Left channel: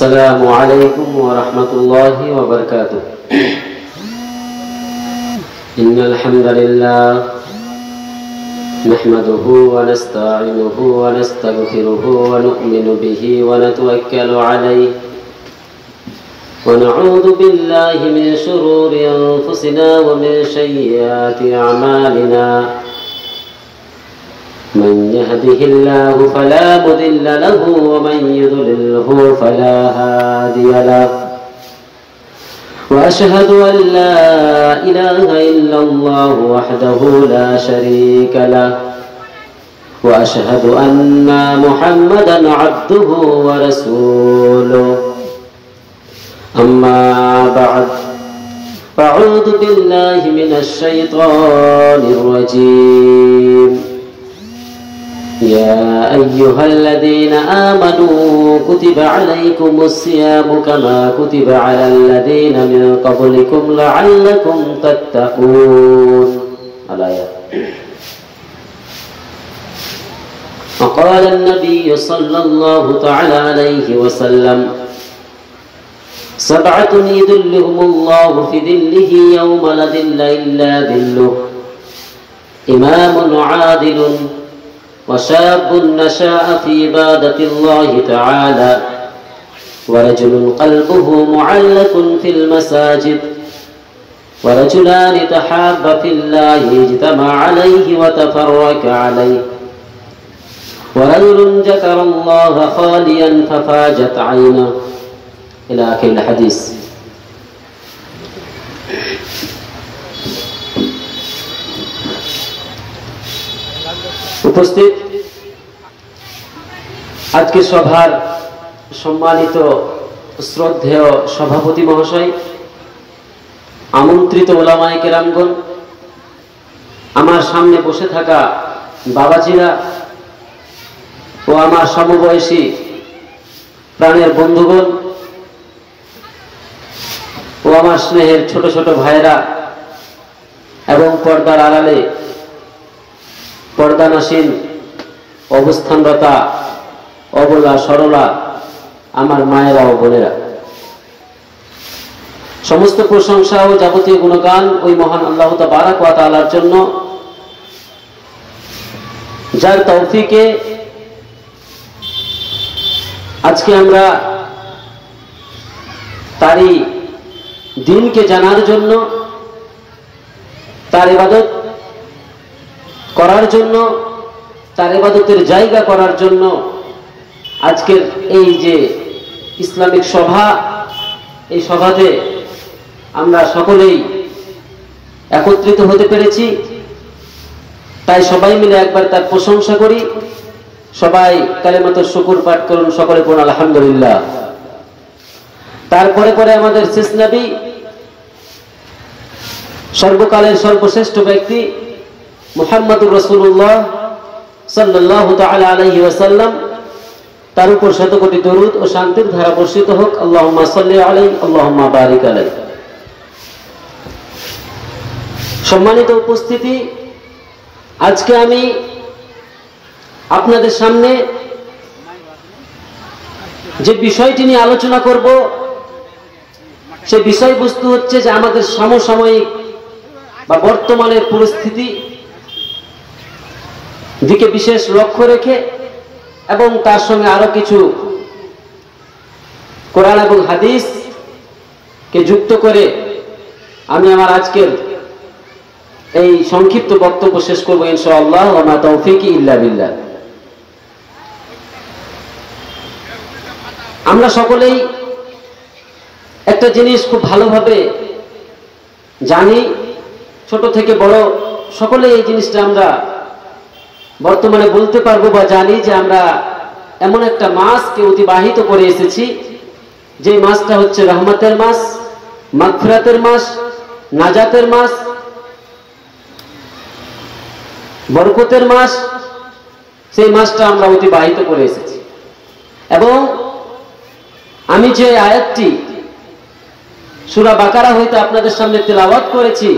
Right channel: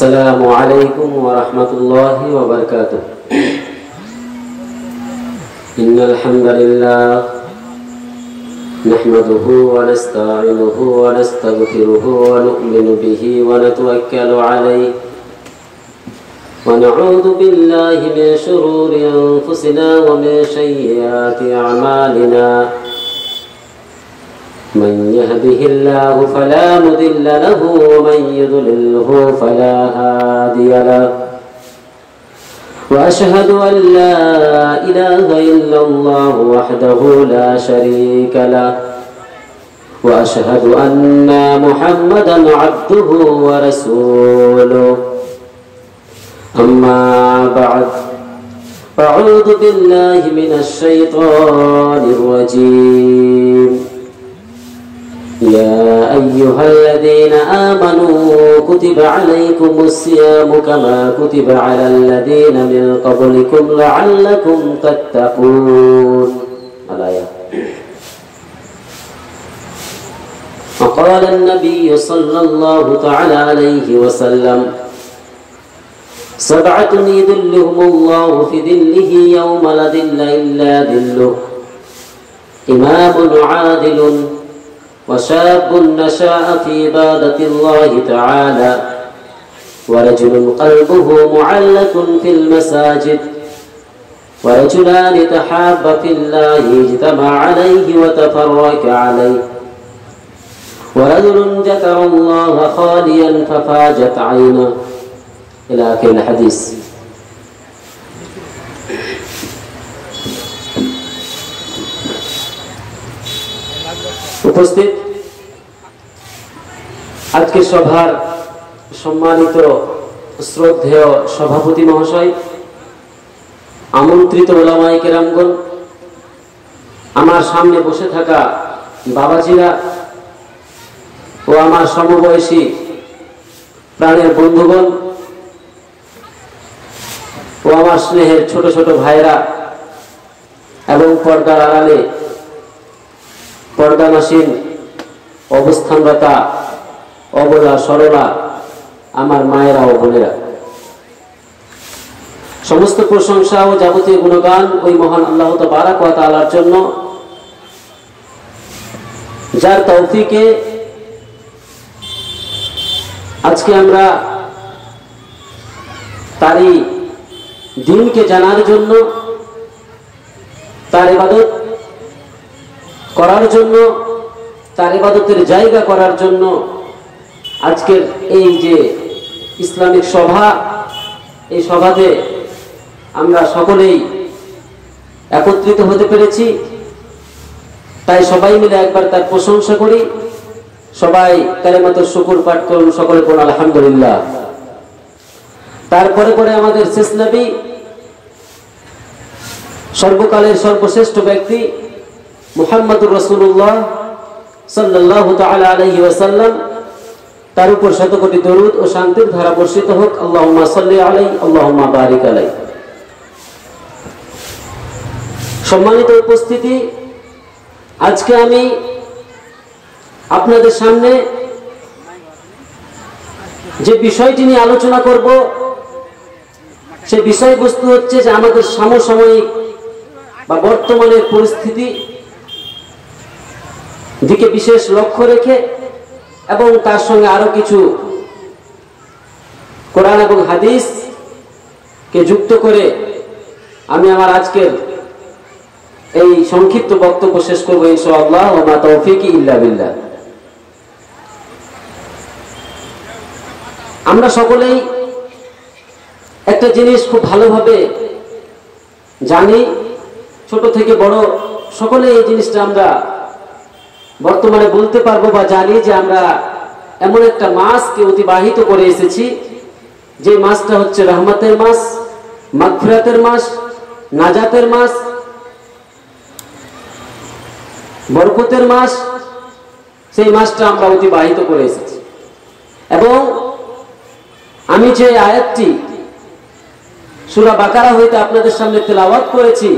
السلام عليكم ورحمة الله وبركاته. إن الحمد لله نحمده ونستعينه ونستغفره ونؤمن به ونتوكل عليه ونعوذ بالله من شرور أنفسنا ومن سيئات أعمالنا. من يهده الله فلا مضل له ومن يضلله فلا هادي له. وأشهد أن لا إله إلا الله وحده لا شريك له وأشهد أن محمدا عبده ورسوله. أما بعد فأعوذ بالله من الشيطان الرجيم. يا أيها الذين آمنوا كتب عليكم الصيام كما كتب على الذين من قبلكم لعلكم تتقون. الآية. وقال النبي صلى الله تعالى عليه وسلم: سبعة يظلهم الله في ظله يوم لا ظل إلا ظله: إمام عادل وشاب نشأ في عبادة الله تعالى ورجل قلبه معلق في المساجد ورجلان تحابا في الله اجتمع عليه وتفرق عليه ورجل ذكر الله خاليا ففاجت عينه إلى آخر الحديث. উপস্থিত আজকে সভার সম্মানিত শ্রদ্ধেয় সভাপতি মহাশয়, আমন্ত্রিত ওলামায়ে কেরামগণ, আমার সামনে বসে থাকা বাবাজিরা ও আমার সমবয়সী প্রাণের বন্ধুগণ ও আমার স্নেহের ছোট ছোট ভাইরা এবং পর্দার আড়ালে পর্দানাসীন অবস্থানরতা অবলা সরলা আমার মায়েরা ও বোনেরা, সমস্ত প্রশংসা ও যাবতীয় গুণগান ওই মহান আল্লাহ তাবারক ওয়া তাআলার জন্য, যার তৌফিকে আজকে আমরা তারই দিনকে জানার জন্য, তার ইবাদত করার জন্য, তার ইবাদতের জায়গা করার জন্য আজকের এই যে ইসলামিক সভা, এই সভাতে আমরা সকলেই একত্রিত হতে পেরেছি। তাই সবাই মিলে একবার তার প্রশংসা করি। সবাই কালেমাতুশ শুকর পাঠ করুন, সকলে পড়ুন আলহামদুলিল্লাহ। তারপরে পরে আমাদের শেষ নবী, সর্বকালের সর্বশ্রেষ্ঠ ব্যক্তি মুহাম্মদুর রাসূলুল্লাহ সাল্লাল্লাহু তাআলা আলাইহি ওয়াসাল্লাম, তার উপর শত কোটি দরুদ ও শান্তির ধারা বর্ষিত হোক। আল্লাহুম্মা সাল্লি আলাইহি আল্লাহুম্মা বারিক আলাইহি। সম্মানিত উপস্থিতি, আজকে আমি আপনাদের সামনে যে বিষয়টি নিয়ে আলোচনা করব, সে বিষয়বস্তু হচ্ছে যে আমাদের সমসাময়িক বা বর্তমানের পরিস্থিতি দিকে বিশেষ লক্ষ্য রেখে এবং তার সঙ্গে আরো কিছু কোরআন এবং হাদিস কে যুক্ত করে আমি আমার আজকের এই সংক্ষিপ্ত বক্তব্য শেষ করবো ইনশাআল্লাহ। ওয়া মা তাওফীকি ইল্লা বিল্লাহ। আমরা সকলেই একটা জিনিস খুব ভালোভাবে জানি, ছোট থেকে বড় সকলে এই জিনিসটা আমরা বর্তমানে বলতে পারবো বা জানি যে আমরা এমন একটা মাসকে অতিবাহিত করে এসেছি, যে মাসটা হচ্ছে রহমতের মাস, মাগফিরাতের মাস, নাজাতের মাস, বরকতের মাস। সেই মাসটা আমরা অতিবাহিত করে এসেছি এবং আমি যে আয়াতটি সূরা বাকারা হইতে আপনাদের সামনে তেলাওয়াত করেছি,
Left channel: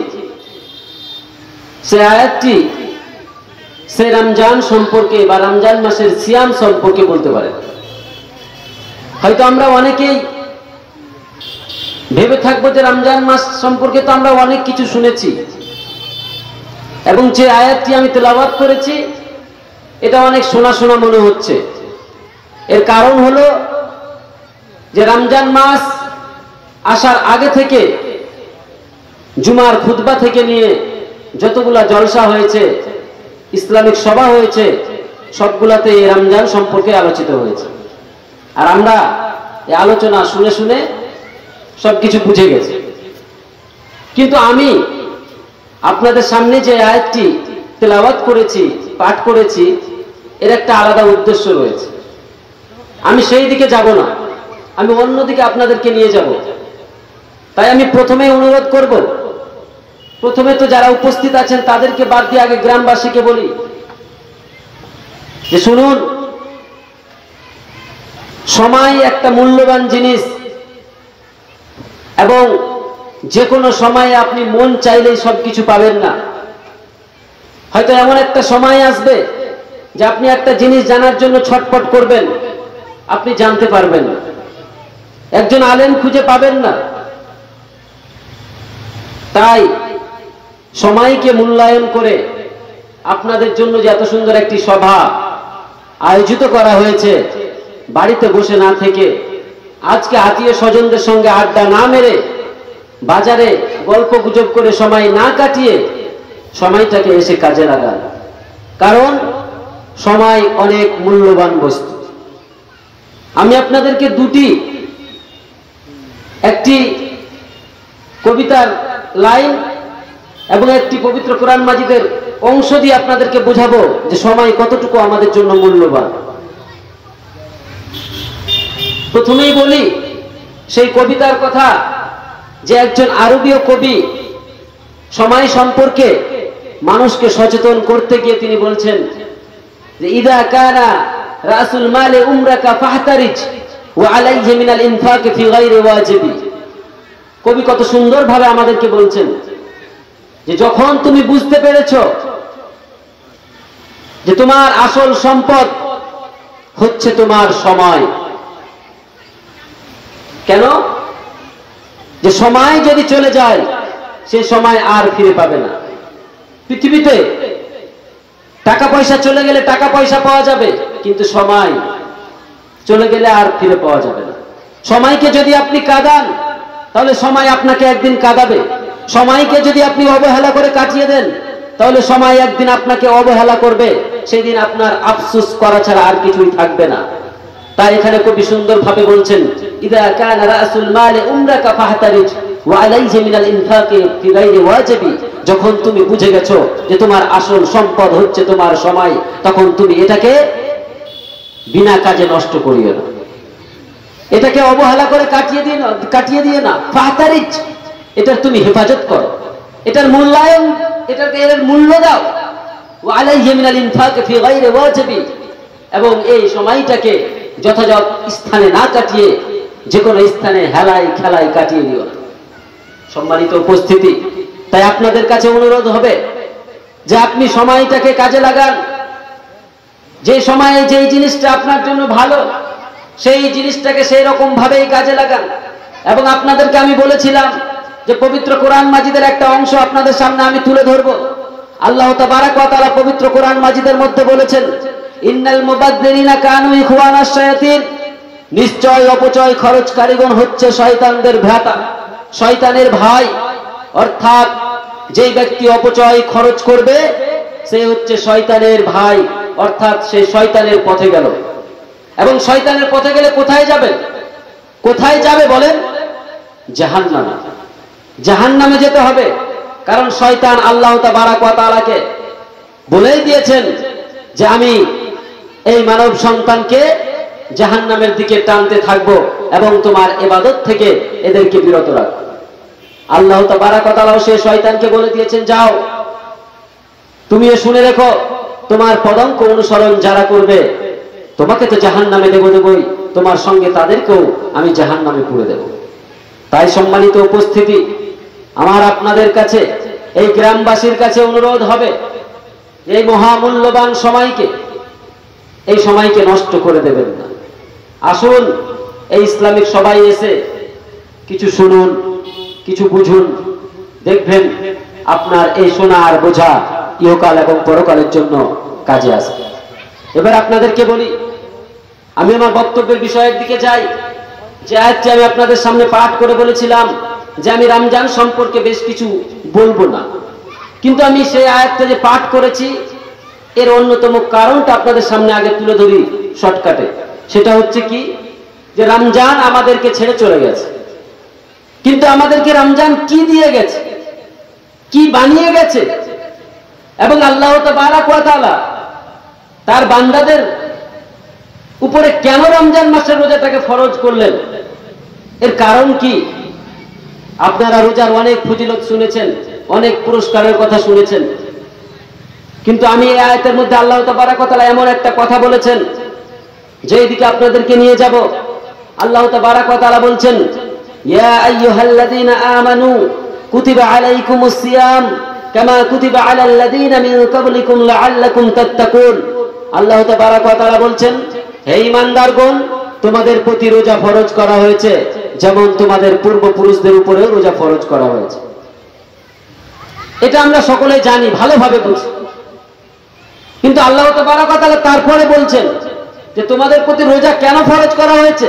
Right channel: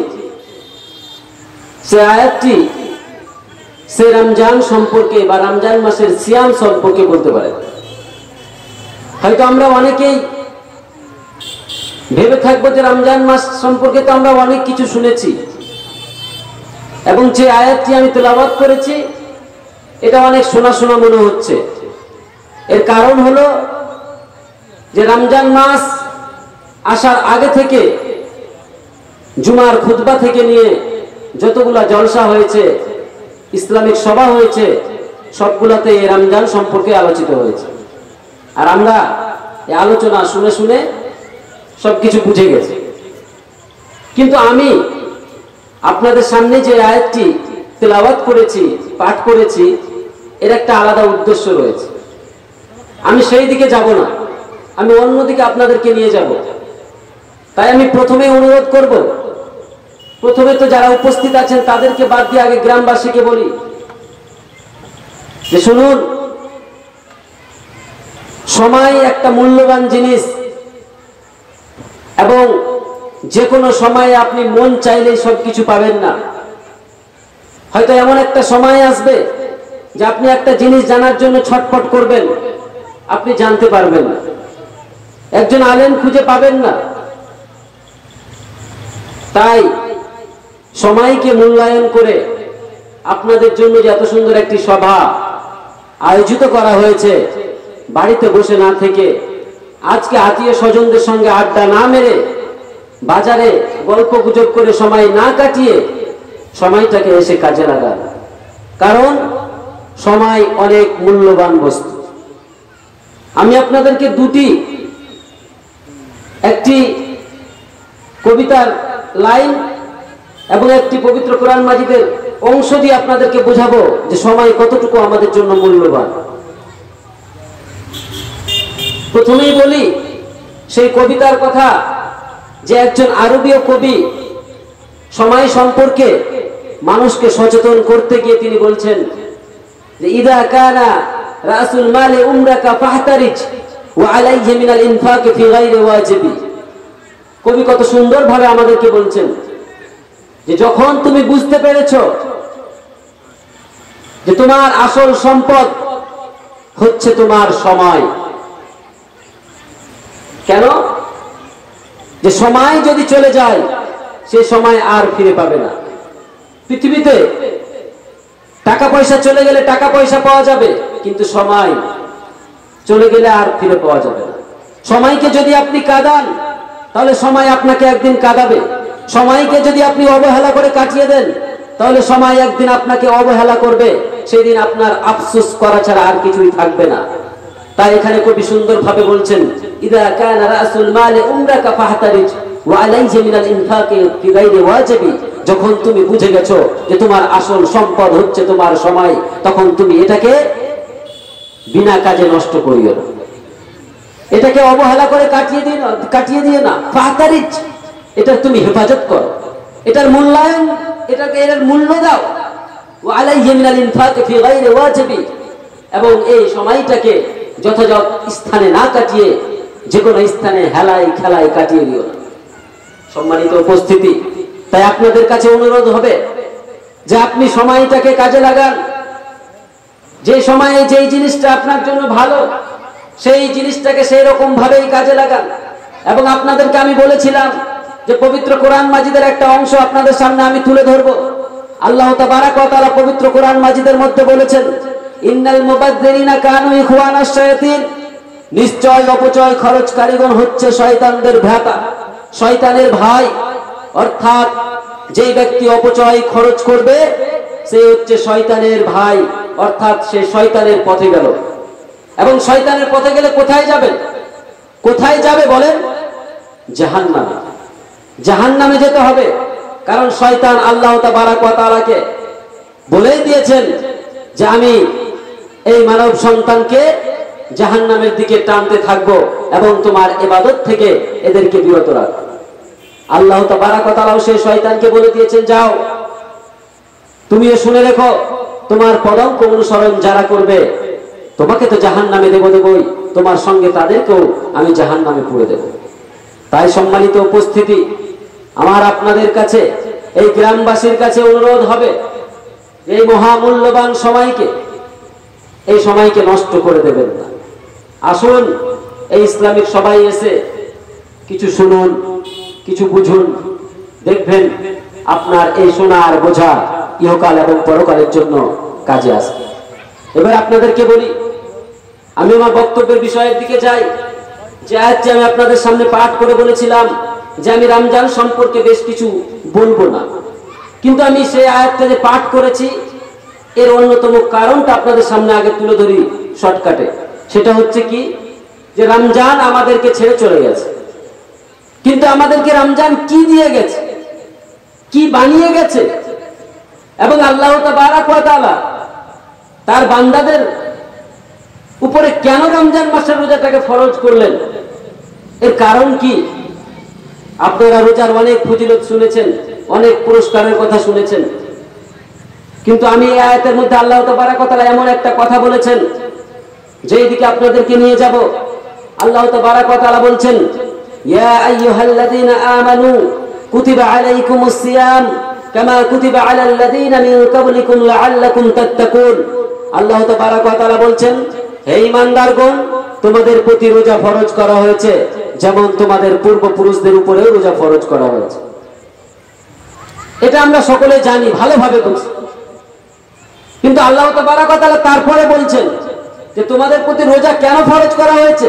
সেই আয়াতটি সে রমজান সম্পর্কে বা রমজান মাসের সিয়াম সম্পর্কে বলতে পারে। হয়তো আমরা অনেকেই ভেবে থাকবো যে রমজান মাস সম্পর্কে তো আমরা অনেক কিছু শুনেছি, এবং যে আয়াতটি আমি তেলাওয়াত করেছি এটা অনেক শোনা শোনা মনে হচ্ছে। এর কারণ হলো যে রমজান মাস আসার আগে থেকে জুমার খুতবা থেকে নিয়ে যতগুলা জলসা হয়েছে, ইসলামিক সভা হয়েছে, সবগুলাতে এই রমজান সম্পর্কে আলোচিত হয়েছে। আর আমরা এই আলোচনা শুনে শুনে সবকিছু বুঝে গেছি। কিন্তু আমি আপনাদের সামনে যে আয়াতটি তেলাওয়াত করেছি, পাঠ করেছি, এর একটা আলাদা উদ্দেশ্য রয়েছে। আমি সেই দিকে যাব না, আমি অন্যদিকে আপনাদেরকে নিয়ে যাব। তাই আমি প্রথমেই অনুরোধ করব, প্রথমে তো যারা উপস্থিত আছেন তাদেরকে বাদ দিয়ে আগে গ্রামবাসীকে বলি যে শুনুন, সময় একটা মূল্যবান জিনিস, এবং যে কোনো সময়ে আপনি মন চাইলেই সবকিছু পাবেন না। হয়তো এমন একটা সময় আসবে যে আপনি একটা জিনিস জানার জন্য ছটফট করবেন, আপনি জানতে পারবেন না, একজন আলেম খুঁজে পাবেন না। তাই সময়কে মূল্যায়ন করে আপনাদের জন্য যে এত সুন্দর একটি সভা আয়োজিত করা হয়েছে, বাড়িতে বসে না থেকে আজকে আত্মীয় স্বজনদের সঙ্গে আড্ডা না মেরে, বাজারে গল্প গুজব করে সময় না কাটিয়ে সময়টাকে এসে কাজে লাগান। কারণ সময় অনেক মূল্যবান বস্তু। আমি আপনাদেরকে একটি কবিতার লাইন এবং একটি পবিত্র কোরআন মাজিদের অংশ দিয়ে আপনাদেরকে বোঝাবো যে সময় কতটুকু আমাদের জন্য মূল্যবান। প্রথমেই বলি সেই কবিতার কথা, যে একজন আরবীয় কবি সময় সম্পর্কে মানুষকে সচেতন করতে গিয়ে তিনি বলছেন যে ইদা কানা রাসুল মালে উমরাকা ফাহতারিজ ওয়া আলাইহি মিনাল ইনফাক ফি গায়রি ওয়াজিবি। কবি কত সুন্দরভাবে আমাদেরকে বলছেন যে যখন তুমি বুঝতে পেরেছো যে তোমার আসল সম্পদ হচ্ছে তোমার সময়। কেন? যে সময় যদি চলে যায় সে সময় আর ফিরে পাবে না। পৃথিবীতে টাকা পয়সা চলে গেলে টাকা পয়সা পাওয়া যাবে, কিন্তু সময় চলে গেলে আর ফিরে পাওয়া যাবে না। সময়কে যদি আপনি কাঁদান তাহলে সময় আপনাকে একদিন কাঁদাবে। সময়কে যদি আপনি অবহেলা করে কাটিয়ে দেন তাহলে সময় একদিন আপনাকে অবহেলা করবে, সেদিন আপনার আফসোস করা ছাড়া আর কিছুই থাকবে না। তাই এখানে কবি সুন্দরভাবে বলছেন ইদা কানা রাসুল মাল উমরাকা ফাহতারিজ ওয়া আলাইহি মিনাল ইনফাকি ফি গায়রি ওয়াজিবি। যখন তুমি বুঝে গেছো যে তোমার আসল সম্পদ হচ্ছে তোমার সময়, তখন তুমি এটাকে বিনা কাজে নষ্ট করিও না, এটাকে অবহেলা করে কাটিয়ে দিয়ে না। ফাহতারিজ, এটার তুমি হেফাজত করো, এটার মূল্যায়ন, এটাকে এর মূল্য দাও। ওয়া আলাইহি মিনাল ইনফাকি ফি গায়রি ওয়াজিবি, এবং এই সময়টাকে যথাযথ স্থানে না কাটিয়ে যে কোনো স্থানে হেলায় খেলায় কাটিয়ে দিও না। সম্মানিত উপস্থিতি, তাই আপনাদের কাছে অনুরোধ হবে যে আপনি সময়টাকে কাজে লাগান। যে সময়ে যেই জিনিসটা আপনার জন্য ভালো সেই জিনিসটাকে সেই রকম ভাবেই কাজে লাগান। এবং আপনাদেরকে আমি বলেছিলাম যে পবিত্র কোরআন মাজিদের একটা অংশ আপনাদের সামনে আমি তুলে ধরবো। আল্লাহ তাবারাক ওয়া তাআলা পবিত্র কোরআন মাজিদের মধ্যে বলেছেন ইন্নাল মুবাদদিরিনা কানু ইখওয়ানাশ শায়াতিন, নিশ্চয় অপচয় খরচকারীগণ হচ্ছে শয়তানদের ভ্রাতা, শয়তানের ভাই। অর্থাৎ যেই ব্যক্তি অপচয় খরচ করবে সে হচ্ছে শয়তানের ভাই, অর্থাৎ সে শয়তানের পথে গেল। এবং শয়তানের পথে গেলে কোথায় যাবে? কোথায় যাবে বলেন? জাহান্নামে। জাহান্নামে যেতে হবে। কারণ শয়তান আল্লাহ তাবারাক ওয়া তাআলাকে বলেই দিয়েছেন যে আমি এই মানব সন্তানকে জাহান্নামের দিকে টানতে থাকবো এবং তোমার ইবাদত থেকে এদেরকে বিরত রাখবো। আল্লাহ তাবারাক ওয়া তাআলা সেই শয়তানকে বলে দিয়েছেন যাও, তুমিও শুনে রেখো, তোমার পদাঙ্ক অনুসরণ যারা করবে তোমাকে তো জাহান্নামে দেবই, তোমার সঙ্গে তাদেরকেও আমি জাহান্নামে পুরে দেব। তাই সম্মানিত উপস্থিতি, আমার আপনাদের কাছে, এই গ্রামবাসীর কাছে অনুরোধ হবে এই মহামূল্যবান সময়কে, এই সময়কে নষ্ট করে দেবেন না। আসুন এই ইসলামিক সবাই এসে কিছু শুনুন, কিছু বুঝুন, দেখবেন আপনার এই শোনার বোঝা ইহকাল এবং পরকালের জন্য কাজে আসবে। এবার আপনাদেরকে বলি, আমি আমার বক্তব্যের বিষয়ের দিকে যাই। যে আয়াতটি আমি আপনাদের সামনে পাঠ করে বলেছিলাম যে আমি রমজান সম্পর্কে বেশ কিছু বলবো না, কিন্তু আমি সেই আয়াতটা যে পাঠ করেছি এর অন্যতম কারণটা আপনাদের সামনে আগে তুলে ধরি শর্টকাটে। সেটা হচ্ছে কি, যে রমজান আমাদেরকে ছেড়ে চলে গেছে, কিন্তু আমাদেরকে রমজান কি দিয়ে গেছে, কি বানিয়ে গেছে, এবং আল্লাহ তাবারাক ওয়া তাআলা তার বান্দাদের উপরে কেন রমজান মাসের রোজাটাকে ফরজ করলেন, এর কারণ কি? আপনারা রোজার অনেক ফজিলত শুনেছেন, অনেক পুরস্কারের কথা শুনেছেন, কিন্তু আমি এই আয়াতের মধ্যে আল্লাহ তাবারাক ওয়া তাআলা এমন একটা কথা বলেছেন যেই দিকে আপনাদেরকে নিয়ে যাব। আল্লাহ তাবারাক ওয়া তাআলা বলছেন, ইয়া আইয়ুহাল্লাযীনা আমানু কুতিবা আলাইকুমুস সিয়াম কামা কুতিবা আলাল্লাযীনা মিন ক্বাবলিকুম লাআল্লাকুম তাত্তাকুন। আল্লাহ তাবারাক ওয়া তাআলা বলছেন, হে ঈমানদারগণ, তোমাদের প্রতি রোজা ফরজ করা হয়েছে যেমন তোমাদের পূর্বপুরুষদের উপরেও রোজা ফরজ করা হয়েছে। এটা আমরা সকলে জানি, ভালোভাবে বুঝি, কিন্তু আল্লাহ তাবারাক ওয়া তাআলা তারপরে বলছেন যে তোমাদের প্রতি রোজা কেন ফরজ করা হয়েছে,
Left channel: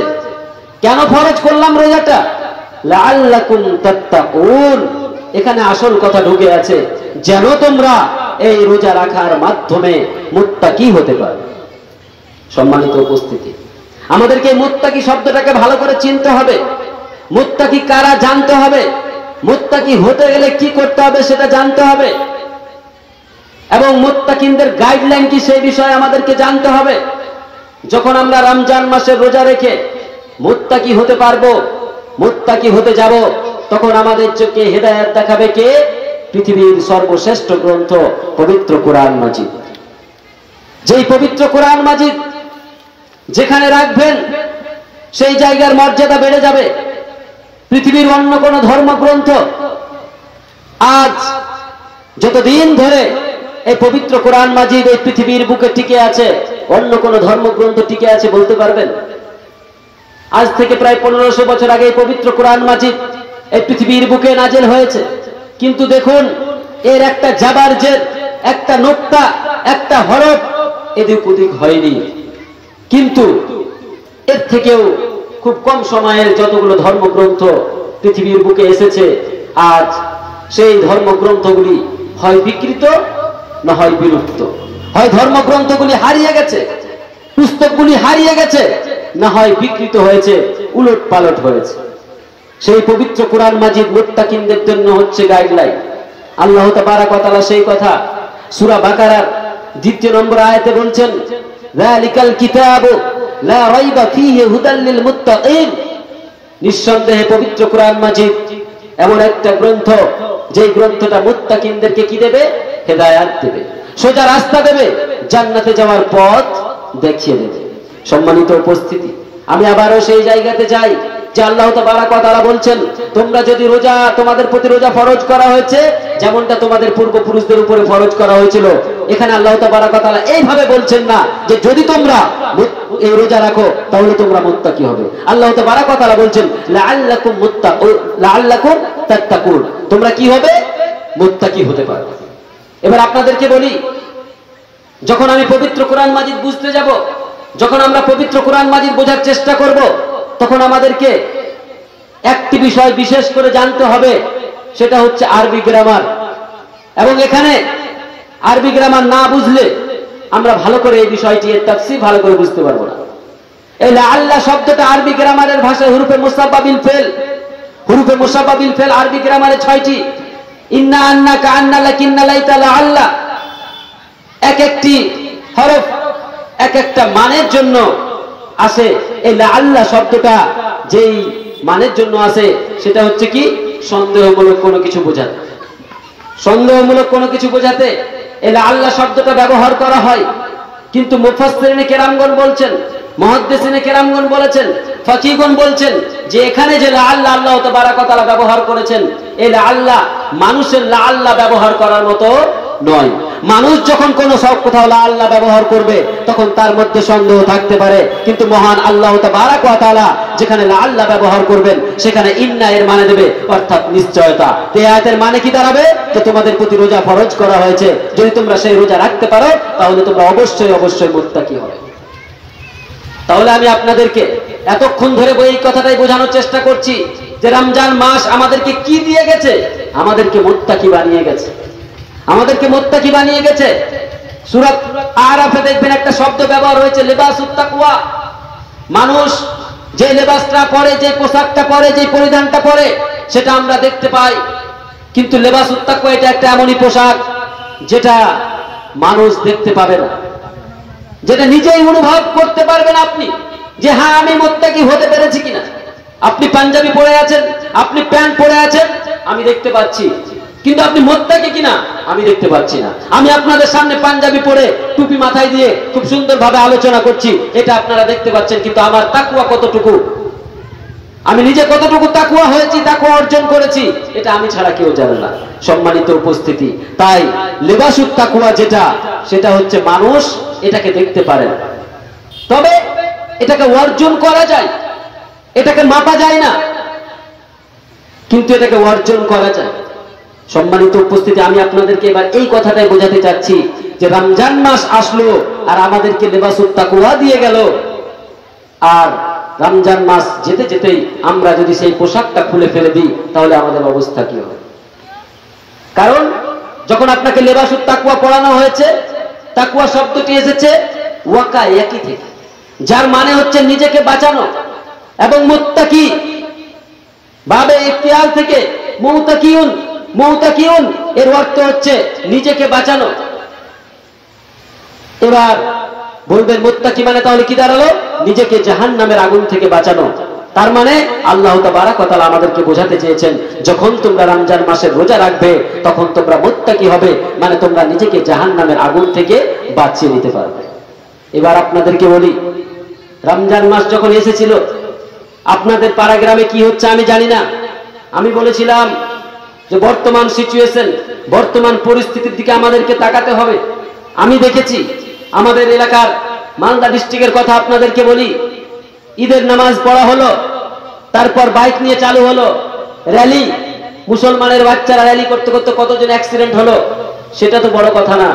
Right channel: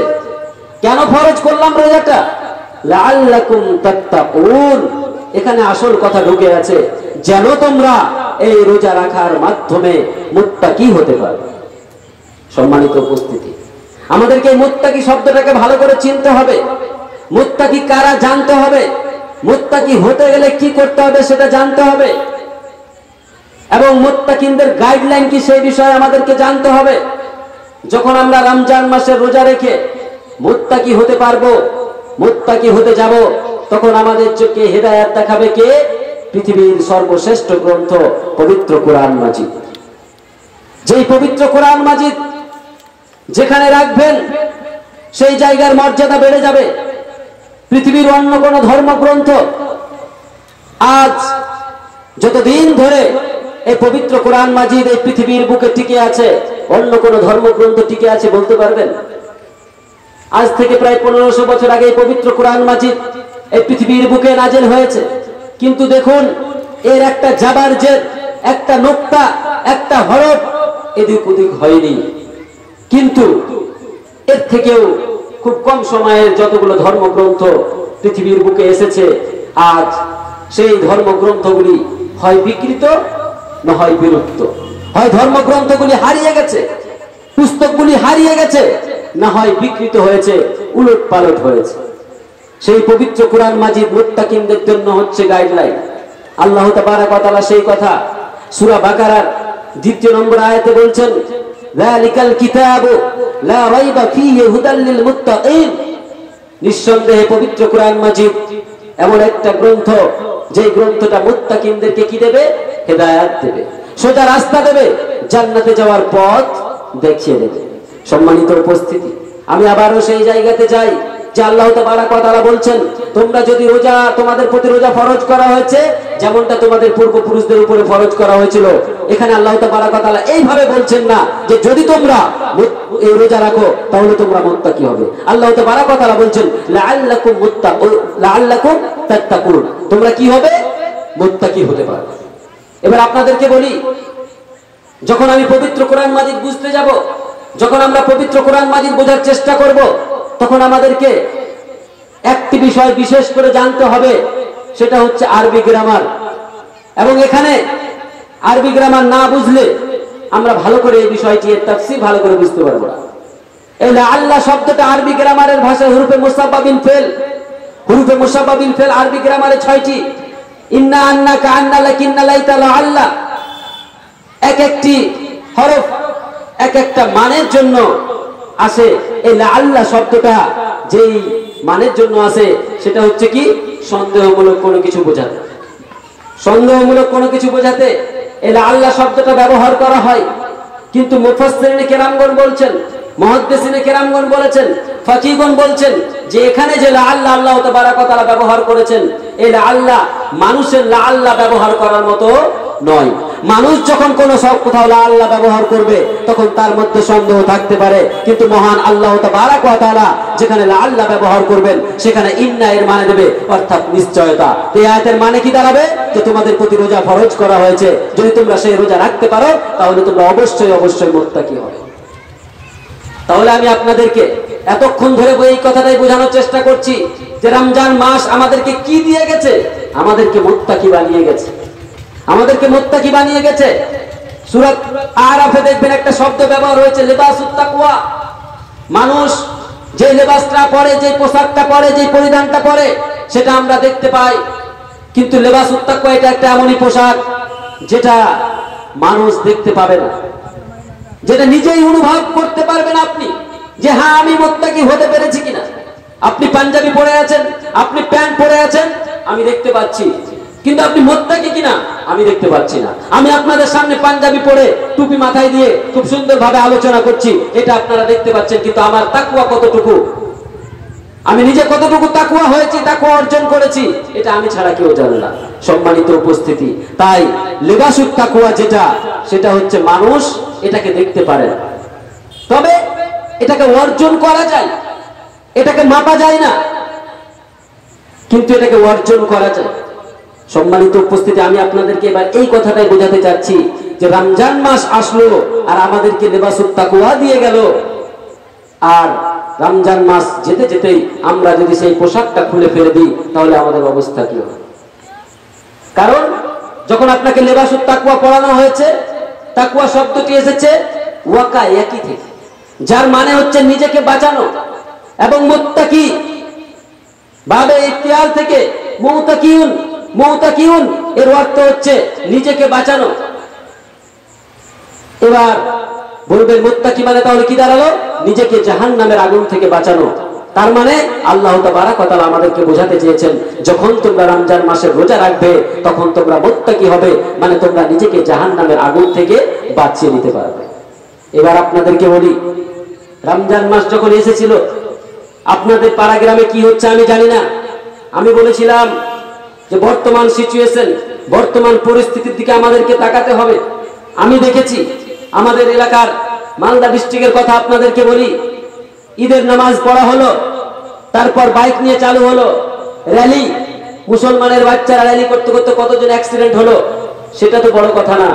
কেন ফরজ করলাম রোজাটা, লাআল্লাকুম তাত্তাকুন। এখানে আসল কথা ঢুকে আছে, যেন তোমরা এই রোজা রাখার মাধ্যমে মুত্তাকি হতে পারো। সম্মানিত উপস্থিতি, আমাদেরকে মুত্তাকি শব্দটাকে ভালো করে চিনতে হবে। মুত্তাকি কারা জানতে হবে, মুত্তাকি হতে গেলে কি করতে হবে সেটা জানতে হবে, এবং মুত্তাকিনদের গাইডলাইন কি সেই বিষয়ে আমাদেরকে জানতে হবে। যখন আমরা রমজান মাসের রোজা রেখে মুত্তাকি হতে পারবো, মুত্তাকি হতে যাব, তখন আমাদের চোখে হেদায়েত দেখাবে কে? পৃথিবীর সর্বশ্রেষ্ঠ গ্রন্থ পবিত্র কোরআন মাজিদ। যেই পবিত্র কোরআন মাজিদ যেখানে রাখবেন সেই জায়গার মর্যাদা বেড়ে যাবে। পৃথিবীর অন্য কোন ধর্মগ্রন্থ আজ যতদিন ধরে এই পবিত্র কোরআন মাজিদ এই পৃথিবীর বুকে টিকে আছে, অন্য কোন ধর্মগ্রন্থ টিকে আছে বলতে পারবেন? আজ থেকে প্রায় 1500 বছর আগে এই পবিত্র কোরআন মাজিদ এই পৃথিবীর বুকে নাজিল হয়েছে, কিন্তু দেখুন এর একটা জাবারজের, একটা নোক্তা, একটা হরফ এদিক ওদিক হয়নি। কিন্তু এর থেকেও খুব কম সময়ের যতগুলো ধর্মগ্রন্থ পৃথিবীর বুকে এসেছে, আজ সেই ধর্মগ্রন্থগুলি হয় বিকৃত না হয় বিলুপ্ত, হয় ধর্মগ্রন্থগুলি হারিয়ে গেছে, পুস্তকগুলি হারিয়ে গেছে, না হয় বিকৃত হয়েছে, উলট পালট হয়েছে। সেই পবিত্র কোরআন মাজিদ মুত্তাকিনদের জন্য হচ্ছে গাইডলাইন। আল্লাহ তাবারাক ওয়া তাআলা সেই কথা সূরা বাকারার 2 নম্বর আয়াতে বলছেন, যালিকাল কিতাবু লা রাইবা ফীহি হুদাল লিল মুত্তাকিন। নিঃসন্দেহে পবিত্র কোরআন মাজিদ এমন একটা গ্রন্থ, যেই গ্রন্থটা মুত্তাকিনদেরকে কি দেবে? হেদায়েত দেবে, সোজা রাস্তা দেবে, জান্নাতে যাওয়ার পথ দেখিয়ে দেবে। সম্মানিত উপস্থিতি, আমি আবারও সেই জায়গাতে যাই যে আল্লাহ তাবারাক ওয়া তাআলা বলছেন, তোমরা যদি রোজা, তোমাদের প্রতি রোজা ফরজ করা হয়েছে যেমনটা তোমাদের পূর্বপুরুষদের উপরে ফরজ করা হয়েছিল। এখানে আল্লাহ তাবারাক ওয়া তাআলা এইভাবে বলছেন না যে যদি তোমরা এই রোজা রাখো তাহলে তোমরা মুত্তাকি হবে। আল্লাহ তাবারাক ওয়া তাআলা বলছেন লাআল্লাকুম তাত্তাকুন, তোমরা কি হবে? মুত্তাকি হতে পারবে। এবার আপনাদেরকে বলি, যখন আমি পবিত্র কোরআন মাজিদ বুঝতে যাব, যখন আমরা পবিত্র কোরআন মাজিদ বোঝার চেষ্টা করব, তখন আমাদেরকে একটি বিষয় বিশেষ করে জানতে হবে, সেটা হচ্ছে আরবি গ্রামার। এবং এখানে আরবি গ্রামার না বুঝলে আমরা ভালো করে এই বিষয়টি, এর তাফসীর ভালো করে বুঝতে পারবো না। এই লাআল্লা শব্দটা আরবি গ্রামারের ভাষায় হুরুফে মুসাব্বাবিল ফেল। হুরুফে মুসাব্বাবিল ফেল আরবি গ্রামারে 6টি। ইন্না, আন্না, কান্না, লাকিন্না, লাইতা, লাআল্লা। এক একটি হরফ এক একটা মানের জন্য আসে। এই লাআল্লা শব্দটা যেই মানের জন্য আসে সেটা হচ্ছে কি? সন্দেহমূলক কোনো কিছু বোঝাতে। সন্দেহমূলক কোনো কিছু বোঝাতে এই লাআল্লা শব্দটা ব্যবহার করা হয়। কিন্তু মুফাসসিরিনে কেরামগণ বলছেন, মুহাদ্দিসিনে কেরামগণ বলেছেন, ফাকিহগণ বলছেন যে এখানে যে লাআল্লা আল্লাহ তাবারাক ওয়া তাআলা ব্যবহার করেছেন, এই লাআল্লা মানুষের লাআল্লা ব্যবহার করার মতো নয়। মানুষ যখন কোনো সব কোথাও লা আল্লাহ ব্যবহার করবে তখন তার মধ্যে সন্দেহ থাকতে পারে, কিন্তু মহান আল্লাহ তাবারাক ওয়া তাআলা যেখানে লা আল্লাহ ব্যবহার করবেন সেখানে ইন্না এর মানে দেবে, অর্থাৎ নিশ্চয়তা। এই আয়াতের মানে কি দাঁড়াবে? যে তোমাদের প্রতি রোজা ফরজ করা হয়েছে, যদি তোমরা সেই রোজা রাখতে পারো তাহলে তোমরা অবশ্যই মুত্তাকি হবে। তাহলে আমি আপনাদেরকে এতক্ষণ ধরে এই কথাটাই বোঝানোর চেষ্টা করছি যে রমজান মাস আমাদেরকে কি দিয়ে গেছে? আমাদেরকে মুত্তাকি বানিয়ে গেছে, আমাদেরকে মুত্তাকি বানিয়ে গেছে। সূরা আরাফে দেখবেন একটা শব্দ ব্যবহার হয়েছে লিবাসুত তাকওয়া। মানুষ যে লেবাসটা পরে, যে পোশাকটা পরে, যে পরিধানটা পরে সেটা আমরা দেখতে পাই, কিন্তু লিবাসুত তাকওয়া এটা একটা এমনই পোশাক যেটা মানুষ দেখতে পাবে না, যেটা নিজেই অনুভব করতে পারবেন আপনি যে হ্যাঁ আমি মুত্তাকি হতে পেরেছি কিনা। আপনি পাঞ্জাবি পরে আছেন, আপনি প্যান্ট পরে আছেন, আমি দেখতে পাচ্ছি, কিন্তু আপনি মুত্তাকি কিনা আমি দেখতে পাচ্ছি না। আমি আপনাদের সামনে পাঞ্জাবি পরে টুপি মাথায় দিয়ে খুব সুন্দরভাবে আলোচনা করছি, এটা আপনারা দেখতে পাচ্ছেন, কিন্তু আমার তাকওয়া কতটুকু, আমি নিজে কতটুকু তাকওয়া হয়েছি, তাকওয়া অর্জন করেছি, এটা আমি ছাড়া কেউ জানে না। সম্মানিত উপস্থিতি, তাই লিবাসুত তাকওয়া যেটা, সেটা হচ্ছে মানুষ এটাকে দেখতে পারে না, তবে এটাকে অর্জন করা যায়, এটাকে মাপা যায় না, কিন্তু এটাকে অর্জন করা যায়। সম্মানিত উপস্থিতি, আমি আপনাদেরকে এবার এই কথাটাই বোঝাতে চাচ্ছি যে রমজান মাস আসলো আর আমাদেরকে লিবাসুত তাকওয়া দিয়ে গেল, আর রমজান মাস যেতে যেতেই আমরা যদি সেই পোশাকটা খুলে ফেলে দিই তাহলে আমাদের অবস্থা কি হবে? কারণ যখন আপনাকে লিবাসুত তাকওয়া পড়ানো হয়েছে, তাকওয়া শব্দটি এসেছে ওয়াকা একই থেকে, যার মানে হচ্ছে নিজেকে বাঁচানো, এবং মুত্তাকি বাবে ইখতিয়ার থেকে মুতাকিউন, মুতাকিউন এর অর্থ হচ্ছে নিজেকে বাঁচানো। এবার বলবেন মুত্তাকি মানে তাহলে কি দাঁড়ালো? নিজেকে জাহান্নামের আগুন থেকে বাঁচানো। তার মানে আল্লাহ তাবারাক ওয়া তাআলা আমাদেরকে বোঝাতে চেয়েছেন যখন তোমরা রমজান মাসের রোজা রাখবে তখন তোমরা মুত্তাকি হবে, মানে তোমরা নিজেকে জাহান্নামের আগুন থেকে বাঁচিয়ে নিতে পারবে। এবার আপনাদেরকে বলি, রমজান মাস যখন এসেছিল আপনাদের পাড়া গ্রামে কি হচ্ছে আমি জানি না। আমি বলেছিলাম যে বর্তমান সিচুয়েশন, বর্তমান পরিস্থিতির দিকে আমাদেরকে তাকাতে হবে। আমি দেখেছি আমাদের এলাকার মালদা ডিস্ট্রিক্টের কথা আপনাদেরকে বলি, ঈদের নামাজ পড়া হলো, তারপর বাইক নিয়ে চালু হলো র্যালি, মুসলমানের বাচ্চারা র্যালি করতে করতে কতজন অ্যাক্সিডেন্ট হলো সেটা তো বড় কথা না।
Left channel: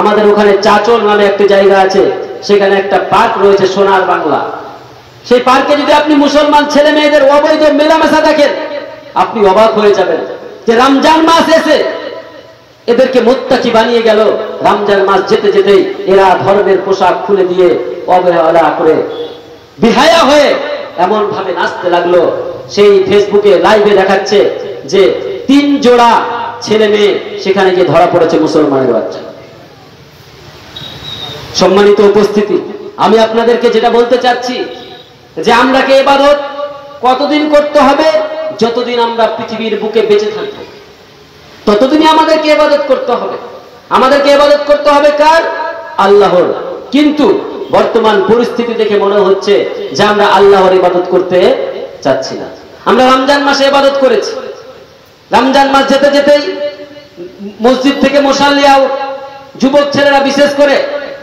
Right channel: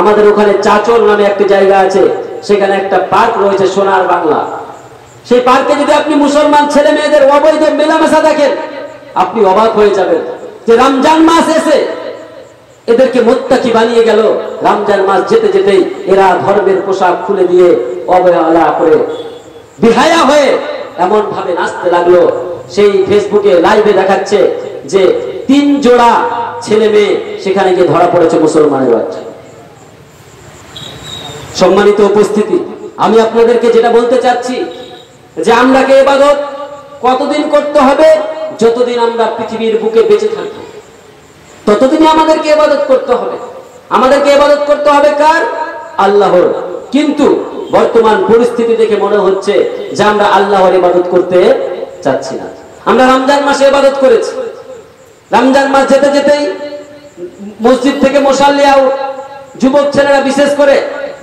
আমাদের ওখানে চাচল নামে একটা জায়গা আছে, সেখানে একটা পার্ক রয়েছে সোনার বাংলা। সেই পার্কে যদি আপনি মুসলমান ছেলে মেয়েদের অবৈধ মেলামেশা দেখেন আপনি অবাক হয়ে যাবেন যে রমজান মাস এসে এদেরকে মুত্তাকি বানিয়ে গেল। রমজান মাস যেতে যেতেই এরা ধর্মের পোশাক খুলে দিয়ে অবহেলা করে বিহায়া হয়ে এমন ভাবে নাচতে লাগলো। সেই ফেসবুকে লাইভে দেখাচ্ছে যে 3 জোড়া ছেলে মেয়ে সেখানে গিয়ে ধরা পড়েছে মুসলমানের বাচ্চা। সম্মানিত উপস্থিতি, আমি আপনাদেরকে যেটা বলতে চাচ্ছি যে আমরাকে ইবাদত কতদিন করতে হবে? যতদিন আমরা পৃথিবীর বুকে বেঁচে থাকব ততদিনই আমাদেরকে ইবাদত করতে হবে। আমাদেরকে ইবাদত করতে হবে কার? আল্লাহর। কিন্তু বর্তমান পরিস্থিতি দেখে মনে হচ্ছে যে আমরা আল্লাহর ইবাদত করতে চাচ্ছি না। আমরা রমজান মাসে ইবাদত করেছি, রমজান মাস যেতে যেতেই মসজিদ থেকে মুসাল্লিয়াও যুবক ছেলেরা বিশেষ করে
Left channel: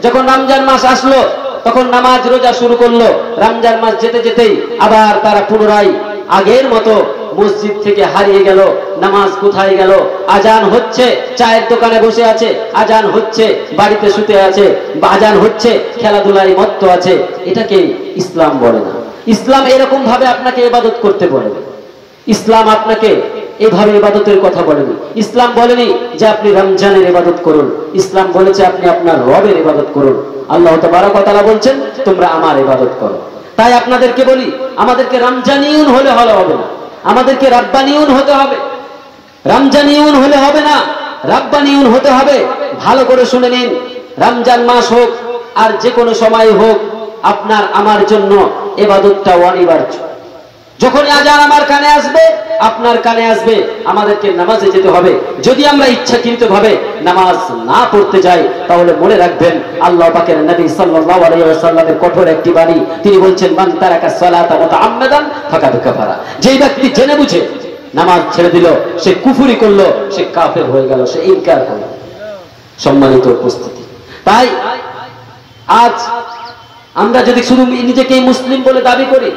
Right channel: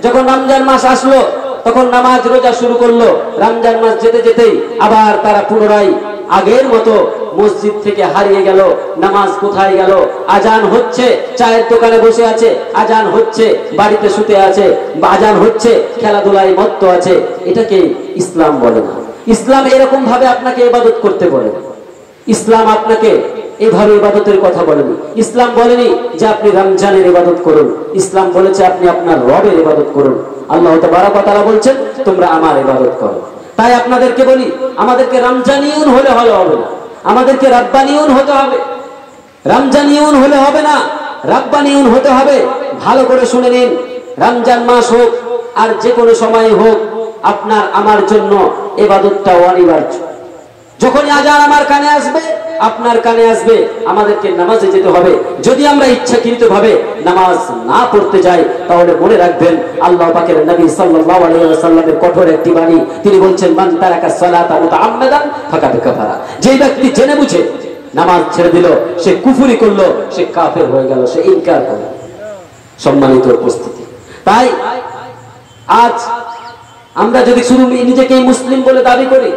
যখন রমজান মাস আসলো তখন নামাজ রোজা শুরু করলো। রমজান মাস যেতে যেতেই আবার তারা পুনরায় আগের মতো মসজিদ থেকে হারিয়ে গেল। নামাজ কোথায় গেল? আজান হচ্ছে, চায়ের দোকানে বসে আছে, আজান হচ্ছে, বাড়িতে শুতে আছে, আজান হচ্ছে, খেলাধুলায় মত্ত আছে। এটাকে ইসলাম বলে না। ইসলাম এরকম ভাবে আপনাকে ইবাদত করতে বলে না। ইসলাম আপনাকে এইভাবে ইবাদতের কথা বলেনি। ইসলাম বলেনি যে আপনি রমজানের ইবাদত করুন। ইসলাম বলেছে আপনি আপনার রবের ইবাদত করুন। আল্লাহ তাবারক ওয়া তাআলা বলছেন তোমরা আমার ইবাদত করো। তাই আপনাদেরকে বলি, আমাদেরকে রমজানিউন হলে হবে না, আমাদেরকে রাব্বানিউন হতে হবে। রমজানিউন হলে হবে না, রাব্বানিউন হতে হবে। ভালো করে শুনে নিন, রমজান মাস হোক আর যে কোনো সময় হোক, আপনার আমার জন্য ইবাদতটা অনিবার্য। যখন আজান আমার কানে আসবে, আপনার কানে আসবে, আমাদেরকে নামাজে যেতে হবে। যদি আমরা ইচ্ছাকৃতভাবে নামাজ না পড়তে যাই তাহলে মনে রাখবেন আল্লাহ পাকের নবী সাল্লাল্লাহু আলাইহি ওয়াসাল্লামের কঠোর একটি বাণী, তিনি বলছেন মান তারাকা সালাতা মুতাআম্মাদান ফাকাদ কাফারা। যেই ব্যক্তি জেনে বুঝে নামাজ ছেড়ে দিল সে কুফরি করলো, সে কাফের হয়ে গেল, সে ইনকার করলো। সম্মানিত উপস্থিতি, তাই আজ আমরা যদি শুধু নিজেকে মুসলিম বলে দাবি করি,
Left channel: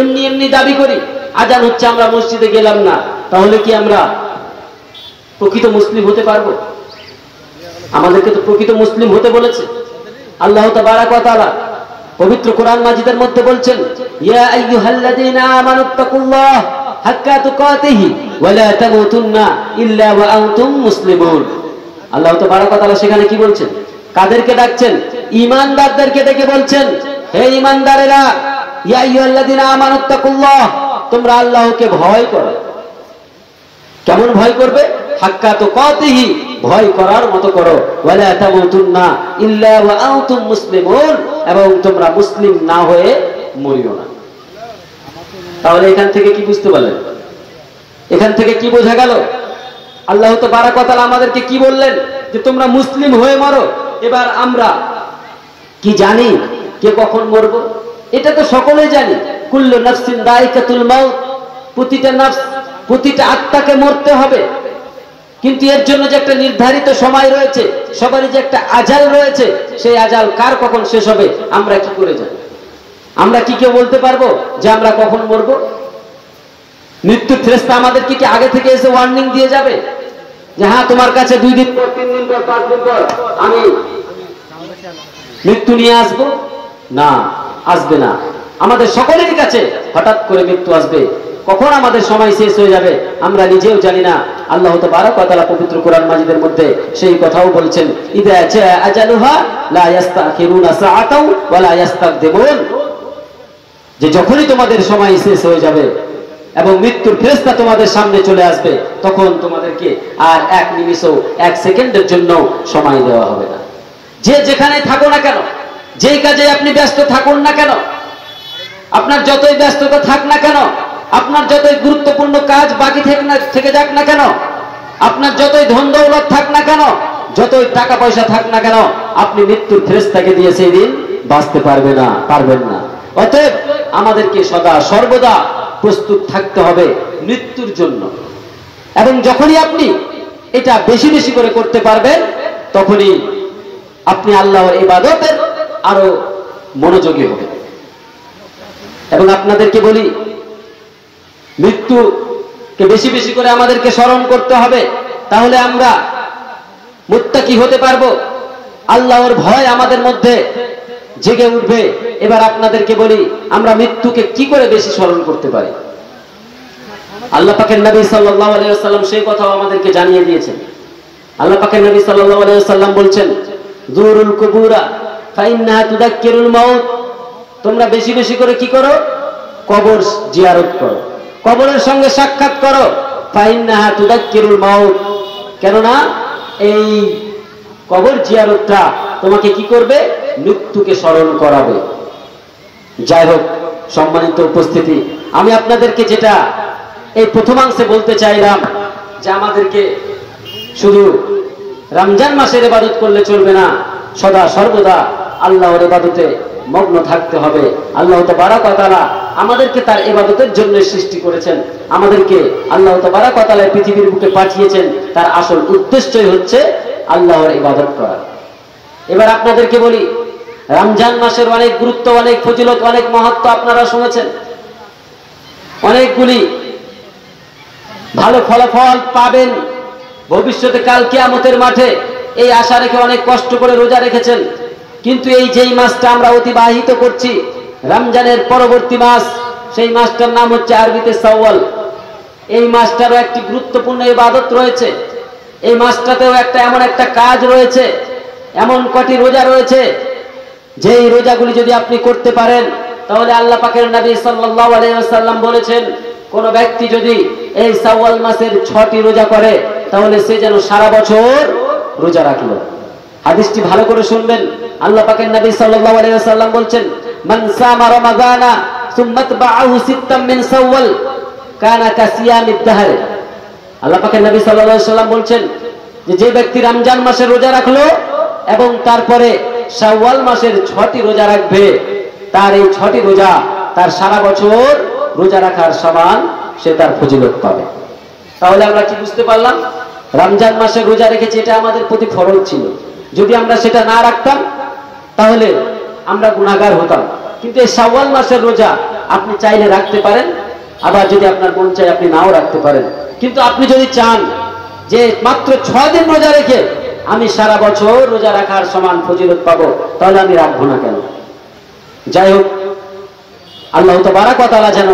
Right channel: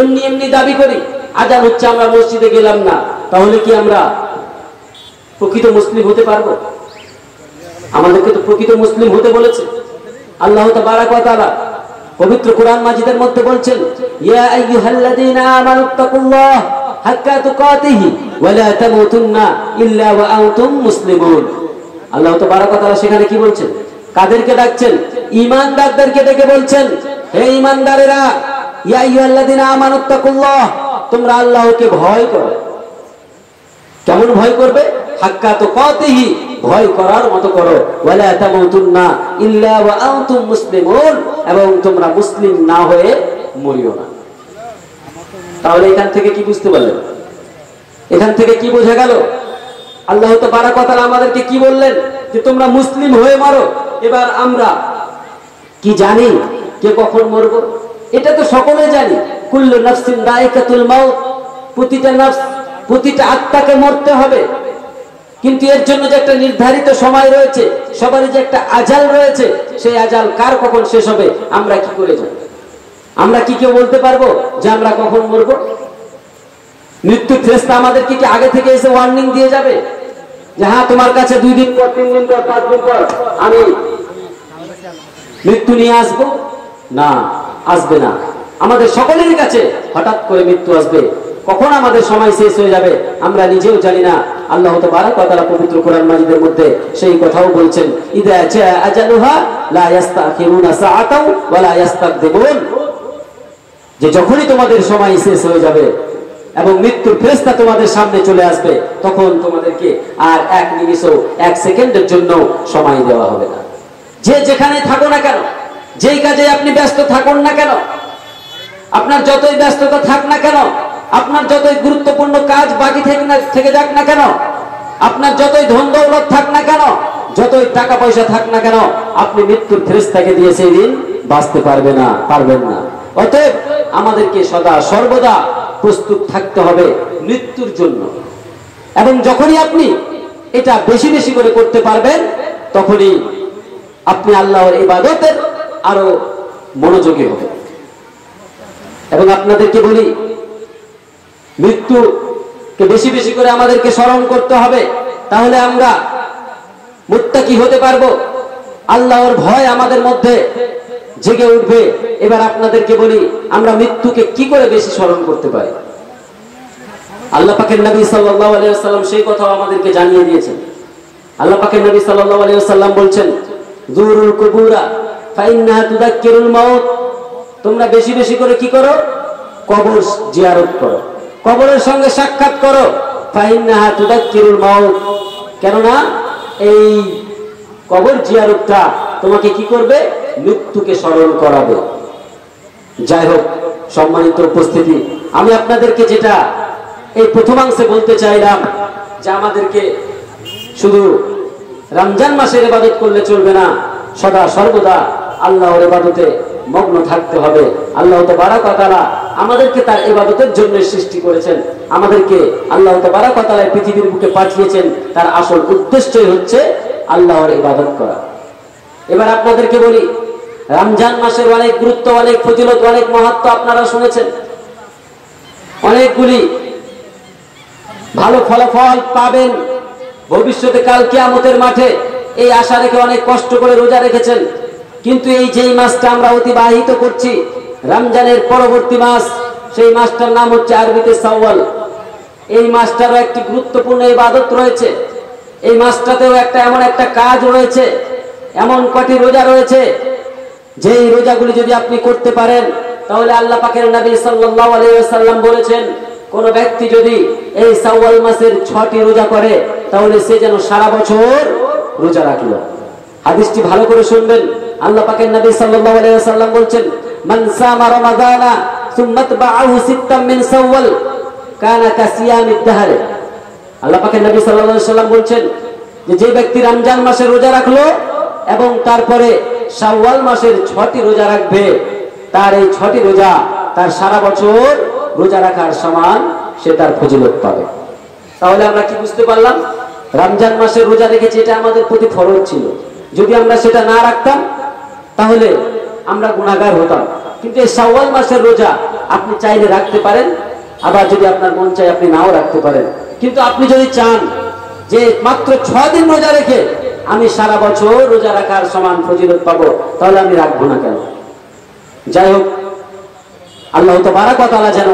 এমনি এমনি দাবি করি, আজান হচ্ছে আমরা মসজিদে গেলাম না, তাহলে কি আমরা প্রকৃত মুসলিম হতে পারবো? আমাদেরকে তো প্রকৃত মুসলিম হতে বলেছে আল্লাহ তাবারাক ওয়া তাআলা পবিত্র কোরআন মাজিদের মধ্যে বলছেন, ইয়া আইয়ুহাল্লাযীনা আমানুত্তাকুল্লাহ হাক্কা তুকাতিহি ওয়া লা তামুতুন্না ইল্লা ওয়া আনতুম মুসলিমুন। আল্লাহ তাবারাক ওয়া তাআলা সেখানে কি বলছেন? কাদেরকে ডাকছেন? ঈমানদারদেরকে ডেকে বলছেন, হে ঈমানদারেরা, ইয়া আইয়ুহাল্লাযীনা আমানুত্তাকুল্লাহ, তোমরা আল্লাহকে ভয় করো। কেমন ভয় করবে? হাক্কা তুকাতিহি, ভয় করার মতো করো, ওয়া লা তামুতুন্না ইল্লা ওয়া আনতুম মুসলিমুন, এবং তোমরা মুসলিম না হয়ে মরিও না। তাহলে এখান থেকে কি বুঝতে পারলেন? এখান থেকে কি বোঝা গেল? আল্লাহ তাবারাক ওয়া তাআলা আমাদেরকে কি বললেন? যে তোমরা মুসলিম হয়ে মরো। এবার আমরা কি জানি কে কখন মরবো? এটা তো সকলেই জানি, কুল্লু নাফসিন যায়িকাতুল মাউত, প্রতিটা নফস, প্রতিটা আত্মাকে মরতে হবে। কিন্তু এর জন্য যে একটা নির্ধারিত সময় রয়েছে, সবারই যে একটা আজাল রয়েছে, সেই আজাল কার কখন শেষ হবে আমরা কি করে জানি? আমরা কি কেউ বলতে পারবো যে আমরা কখন মরবো? মৃত্যুর ফেরেশতা আমাদেরকে কি আগে থেকে এসে ওয়ার্নিং দিয়ে যাবে যে হ্যাঁ তোমার কাছে 2 দিন পর, 3 দিন পর, 5 দিন পর আমি মৃত্যু নিয়ে আসবো? না, আসবে না। আমাদের সকলের কাছে হঠাৎ করে মৃত্যু আসবে। কখন আমাদের সময় শেষ হয়ে যাবে আমরা নিজেও জানি না। আল্লাহ তাবারাক ওয়া তাআলা পবিত্র কোরআন মাজিদের মধ্যে সেই কথাও বলছেন, ইযা জা আজালুহা লা ইস্তাখিরুনা সাআতাও ওয়া লা ইস্তাকদিমুন, যে যখনই তোমাদের সময় শেষ হয়ে যাবে এবং মৃত্যুর ফেরেশতা তোমাদের সামনে চলে আসবে, তখন তোমাদেরকে আর 1 নিমিষও 1 সেকেন্ডের জন্য সময় দেওয়া হবে না। যে যেখানে থাকো না কেন, যেই কাজে আপনি ব্যস্ত থাকুন না কেন, আপনার যতই ব্যস্ততা থাক না কেন, আপনার যতই গুরুত্বপূর্ণ কাজ বাকি থেকে যাক না কেন, আপনার যতই ধন দৌলত থাক না কেন, যতই টাকা পয়সা থাক না কেন, আপনি মৃত্যুর ফেরেশতাকে দিয়ে সেই দিন বাঁচতে পারবেন না। অতএব আমাদেরকে সদা সর্বদা প্রস্তুত থাকতে হবে মৃত্যুর জন্য। এবং যখনই আপনি এটা বেশি বেশি করে করতে পারবেন, তখনই আপনি আল্লাহর ইবাদতের আরো মনোযোগী হবেন। এবং আপনাদেরকে বলি, মৃত্যুকে বেশি বেশি করে আমাদেরকে স্মরণ করতে হবে, তাহলে আমরা মুত্তাকি হতে পারবো, আল্লাহর ভয় আমাদের মধ্যে জেগে উঠবে। এবার আপনাদেরকে বলি, আমরা মৃত্যুকে কি করে বেশি স্মরণ করতে পারি? আল্লাহ পাকের নবী সাল্লাল্লাহু আলাইহি ওয়াসাল্লাম সেই কথাও আমাদেরকে জানিয়ে দিয়েছেন। আল্লাহ পাকের নবী সাল্লাল্লাহু আলাইহি ওয়াসাল্লাম বলছেন, যুরুল কুবুরা ফাইন্নাহা তুযাক্কিরুল মাউত, তোমরা বেশি বেশি করে কি করো? কবর জিয়ারত করো, কবরের সঙ্গে সাক্ষাৎ করো। ফাইন্নাহা তুযাক্কিরুল মাউত, কেননা এই কবর জিয়ারতটা তোমাকে কি করবে? মৃত্যুকে স্মরণ করাবে। যাই হোক, সম্মানিত উপস্থিতি, আমি আপনাদেরকে যেটা এই প্রথমাংশে বলতে চাইলাম, যে আমাদেরকে শুধু রমজান মাসের ইবাদত করলে চলবে না, সদা সর্বদা আল্লাহর ইবাদতে মগ্ন থাকতে হবে। আল্লাহ তাবারাক ওয়া তাআলা আমাদেরকে তার ইবাদতের জন্য সৃষ্টি করেছেন, আমাদেরকে আল্লাহ তাবারাক ওয়া তাআলা পৃথিবীর বুকে পাঠিয়েছেন, তার আসল উদ্দেশ্যই হচ্ছে আল্লাহর ইবাদত করা। এবার আপনাদেরকে বলি, রমজান মাসের অনেক গুরুত্ব, অনেক ফজিলত, অনেক মাহাত্ম্য আপনারা শুনেছেন। অনেকগুলি ভালো ফলাফল পাবেন ভবিষ্যতে, কাল কিয়ামতের মাঠে, এই আশা রেখে অনেক কষ্ট করে রোজা রেখেছেন। কিন্তু এই যেই মাসটা আমরা অতিবাহিত করছি, রমজানের পরবর্তী মাস, সেই মাসটার নাম হচ্ছে আরবিতে শাওয়াল। এই মাসটারও একটি গুরুত্বপূর্ণ ইবাদত রয়েছে। এই মাসটাতেও এমন একটা কাজ রয়েছে, এমন কটি রোজা রয়েছে, যেই রোজাগুলি যদি আপনি করতে পারেন, তাহলে আল্লাহ পাকের নবী সাল্লাল্লাহু আলাইহি ওয়াসাল্লাম বলেছেন, কোন ব্যক্তি যদি এই শাওয়াল মাসের 6টি রোজা করে, তাহলে সে যেন সারা বছর রোজা রাখলো। হাদিসটি ভালো করে শুনবেন। আল্লাহ পাকের নবী সাল্লাল্লাহু আলাইহি ওয়াসাল্লাম বলছেন, মান সামা রমাদানা সুম্মা তাবাআহু সিত্তাম মিন শাওয়াল কানা কাসিয়ামিদ দাহর। আল্লাহ পাকের নবী সাল্লাল্লাহু আলাইহি ওয়াসাল্লাম বলছেন যে ব্যক্তি রমজান মাসের রোজা রাখলো এবং তারপরে শাওয়াল মাসের 6টি রোজা রাখবে, তার এই 6টি রোজা তার সারা বছর রোজা রাখার সমান, সে তার ফজিলত পাবে। তাহলে আমরা কি বুঝতে পারলাম? রমজান মাসে রোজা রেখেছি, এটা আমাদের প্রতি ফরজ ছিল। যদি আমরা সেটা না রাখতাম তাহলে আমরা গুনাহগার হতাম। কিন্তু এই শাওয়াল মাসের রোজা আপনি চাইলে রাখতে পারেন, আবার যদি আপনার মন চায় আপনি নাও রাখতে পারেন। কিন্তু আপনি যদি চান যে মাত্র 6 দিন রোজা রেখে আমি সারা বছর রোজা রাখার সমান ফজিলত পাবো, তাহলে আমি রাখবো না কেন? যাই হোক, আল্লাহ তাবারক ওয়া তাআলা যেন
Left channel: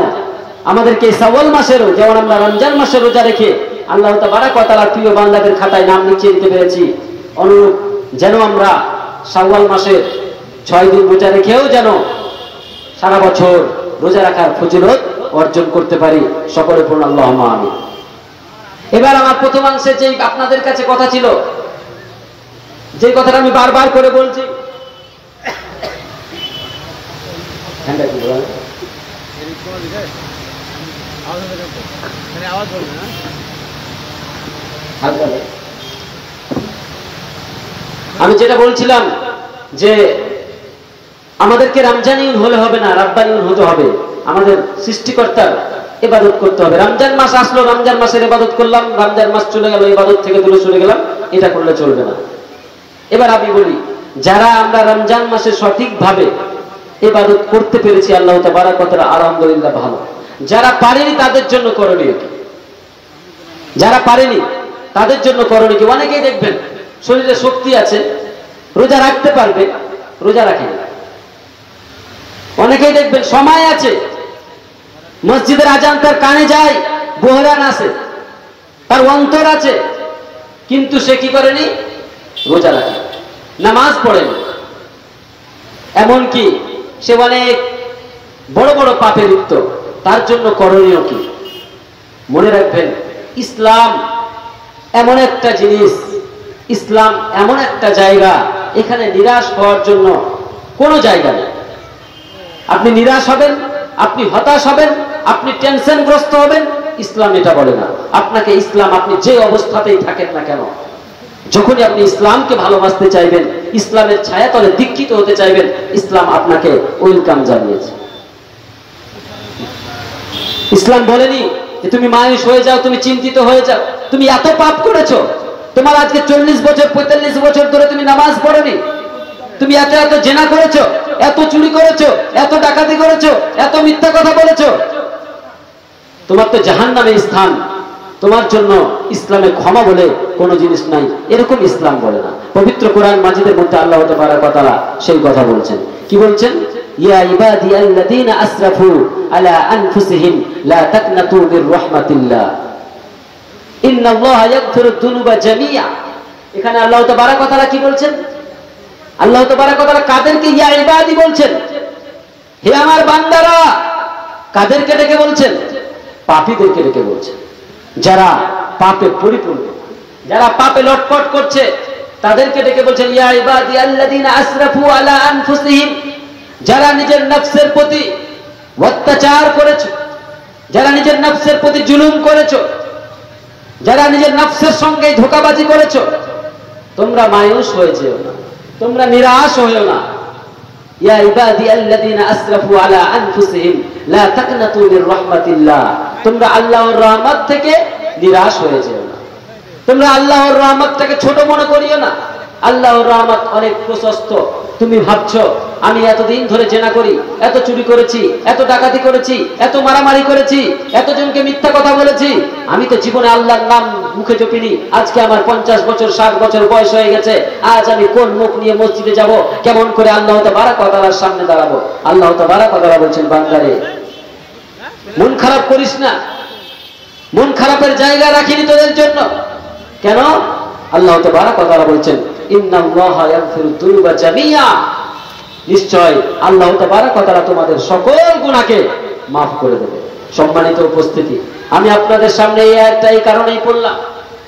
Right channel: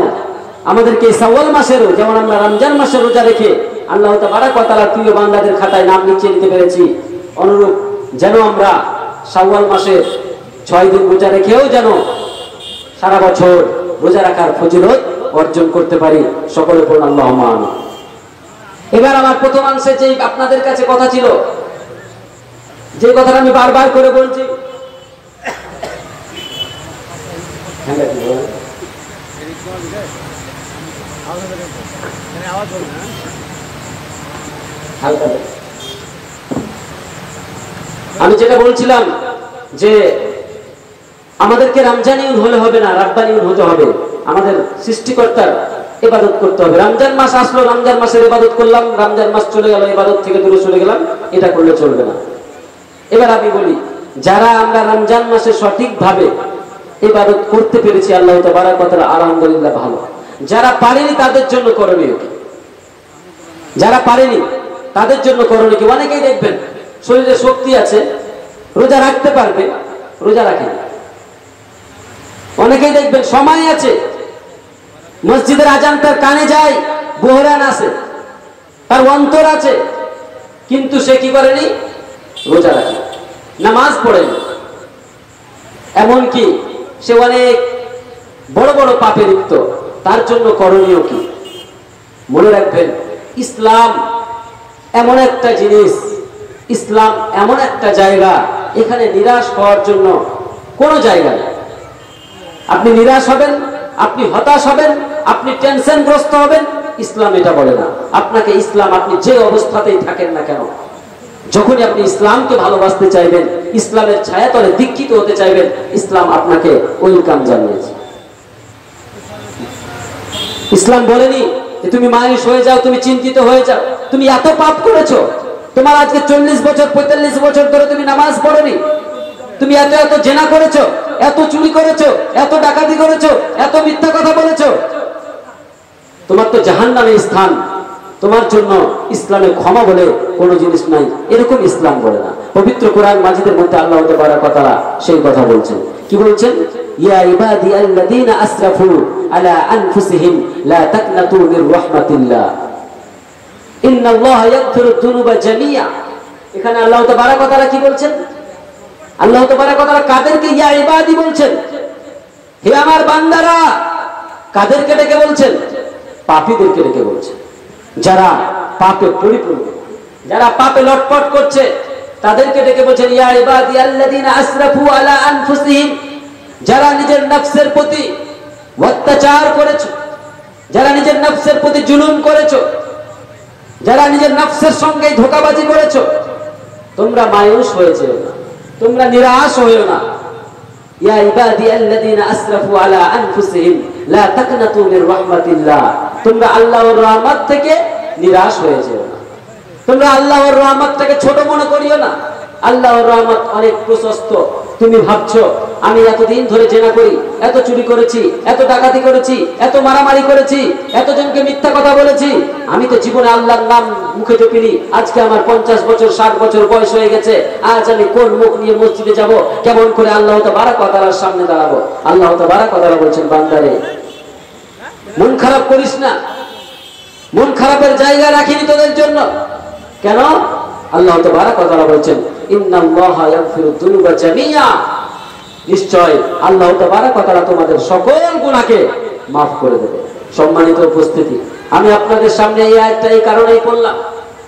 আমাদেরকে শাওয়াল মাসেরও, যেমন আমরা রমজান মাসের রোজা রেখে আল্লাহ তাবারক ওয়া তাআলার প্রিয় বান্দাদের খাতায় নাম লিখিয়ে দিতে পেরেছি, অনুরূপ যেন আমরা শাওয়াল মাসের 6 দিন রোজা রেখেও যেন সারা বছর রোজা রাখার ফজিলত অর্জন করতে পারি। সকলে পড়ুন আল্লাহুম্মা আমিন। এবার আমার প্রথমাংশে যে আপনাদের কাছে কথা ছিল, যে কথাটা আমি বারবার করে বলছি, আমি যেটা বলছিলাম যে আমাদেরকে রমজানিউন হলে হবে না, রাব্বানিউন হতে হবে। আমাদের সৃষ্টিকর্তার ইবাদত করতে হবে। রমজান মাস আসলো, রমজান মাসের ইবাদত করলাম, রমজান মাস চলে গেল, ইবাদত থেকে দূরে সরে গেলাম, এটা করলে চলবে না। এবার আমি বলি, যারা আমরা রমজান মাসে সঠিকভাবে ইবাদত করতে পেরেছি আল্লাহ তাবারক ওয়া তাআলা আলহামদুলিল্লাহ ভালো। যারা পারেনি তাদের জন্য করণীয় কি? যারা পারেনি তাদের জন্য করণীয় কি? অনেকেই দেখবেন শরীরে শক্তি আছে, রোজা রাখতে পারবে, রোজা রাখে না। অনেকেই দেখবেন সময় আছে, মসজিদের আজান তার কানে যায়, বহরান আছে, তার অন্তর আছে, কিন্তু সে কি করেনি? রোজা রাখে, নামাজ পড়েনি। এমনকি সে অনেক বড় বড় পাপে লিপ্ত। তার জন্য করণীয় কি? মনে রাখবেন, ইসলাম এমন একটা জিনিস, ইসলাম এমন একটা জায়গা, এখানে নিরাশ হওয়ার জন্য কোনো জায়গা নেই। আপনি নিরাশ হবেন, আপনি হতাশ হবেন, আপনি টেনশনগ্রস্ত হবেন, ইসলাম এটা বলে না। আপনাকে ইসলাম, আপনি যে অবস্থাতেই থাকেন না কেন, যখনই আপনি ইসলামকে ভালোবাসতে চাইবেন, ইসলামের ছায়াতলে দীক্ষিত হতে চাইবেন, ইসলাম আপনাকে ওয়েলকাম জানিয়েছে। ইসলাম বলেনি যে তুমি মায়ুস হয়ে যাও, তুমি চিন্তিত হয়ে যাও, তুমি এত পাপ করেছো, তোমার আজকে 40 বছর 45 বছর ধরে তুমি নামাজ পড়োনি, তুমি এত এত জেনা করেছো, এত চুরি করেছো, এত ডাকাতি করেছো, এত মিথ্যা কথা বলেছো, তোমার তো জাহান্নামে স্থান, তোমার জন্য ইসলামে ক্ষমা বলে কোনো জিনিস নাই, এরকম ইসলাম বলে না। পবিত্র কোরআন মাজিদের মধ্যে আল্লাহ তাবারক ওয়া তাআলা সেই কথা বলছেন। কি বলছেন? ইয়া ইবাদিয়াল্লাযীনা আসরাফু আলা আনফুসিহিম লা তাকনাতু মির রাহমাতিল্লাহ ইন্নাল্লাহা ইয়াগফিরুদ যুনুবা জামিআ। এখানে আল্লাহ তাবারক ওয়া তাআলা কি বলছেন? আল্লাহ তাবারক ওয়া তাআলা কাদেরকে ইয়া ইবাদি বলছেন? হে আমার বান্দারা। কাদেরকে ডেকে বলছেন? পাপীদেরকে ডেকে বলছেন, যারা পাপে পরিপূর্ণ, যারা পাপে লটপট করছে, তাদেরকে ডেকে বলছেন ইয়া ইবাদিয়াল্লাযীনা আসরাফু আলা আনফুসিহিম। যারা নিজের নফসের প্রতি অত্যাচার করেছো, যারা নিজের নফসের প্রতি জুলুম করেছো, যারা নিজের নফসের সঙ্গে ধোঁকাবাজি করেছো, তোমরা মায়ুস হয়েছে না, তোমরা নিরাশ হয়েও না। ইয়া ইবাদিয়াল্লাযীনা আসরাফু আলা আনফুসিহিম লা তাকনাতু মির রাহমাতিল্লাহ। তোমরা আল্লাহর রহমত থেকে নিরাশ হয়ে যেও না, তোমরা আল্লাহর রহমতটাকে ছোট মনে করিও না। আল্লাহর রহমত অনেক প্রশস্ত। তুমি ভাবছো আমি এতদিন ধরে জেনা করি, এত চুরি করেছি, এত ডাকাতি করেছি, এত মারামারি করেছি, এতজনকে মিথ্যা কথা বলেছি, আমি তো জীবনে আল্লাহর নাম মুখে জপিনি। আজকে আমার 50 বছর 60 বছর বয়স হয়ে গেছে, আজ আমি কোন মুখ নিয়ে মসজিদে যাব, কেমন করে আল্লাহ তাবারক ওয়া তাআলার সামনে দাঁড়াবো? আল্লাহ তাবারক ওয়া তাআলা বলছেন, বান্দারে মন খারাপ করিস না, মন খারাপের জায়গা রাখিনি তোদের জন্য। কেন? আল্লাহ তাবারক ওয়া তাআলা বলছেন ইন্নাল্লাহা ইয়াগফিরুদ যুনুবা জামিআ। নিশ্চয় আল্লাহ তাবারক ওয়া তাআলা তোমাদের সকল গুনাহকে maaf করে দেবে। সম্মানিত উপস্থিতি, আমি আপনাদের সামনে এই কারণেই বললাম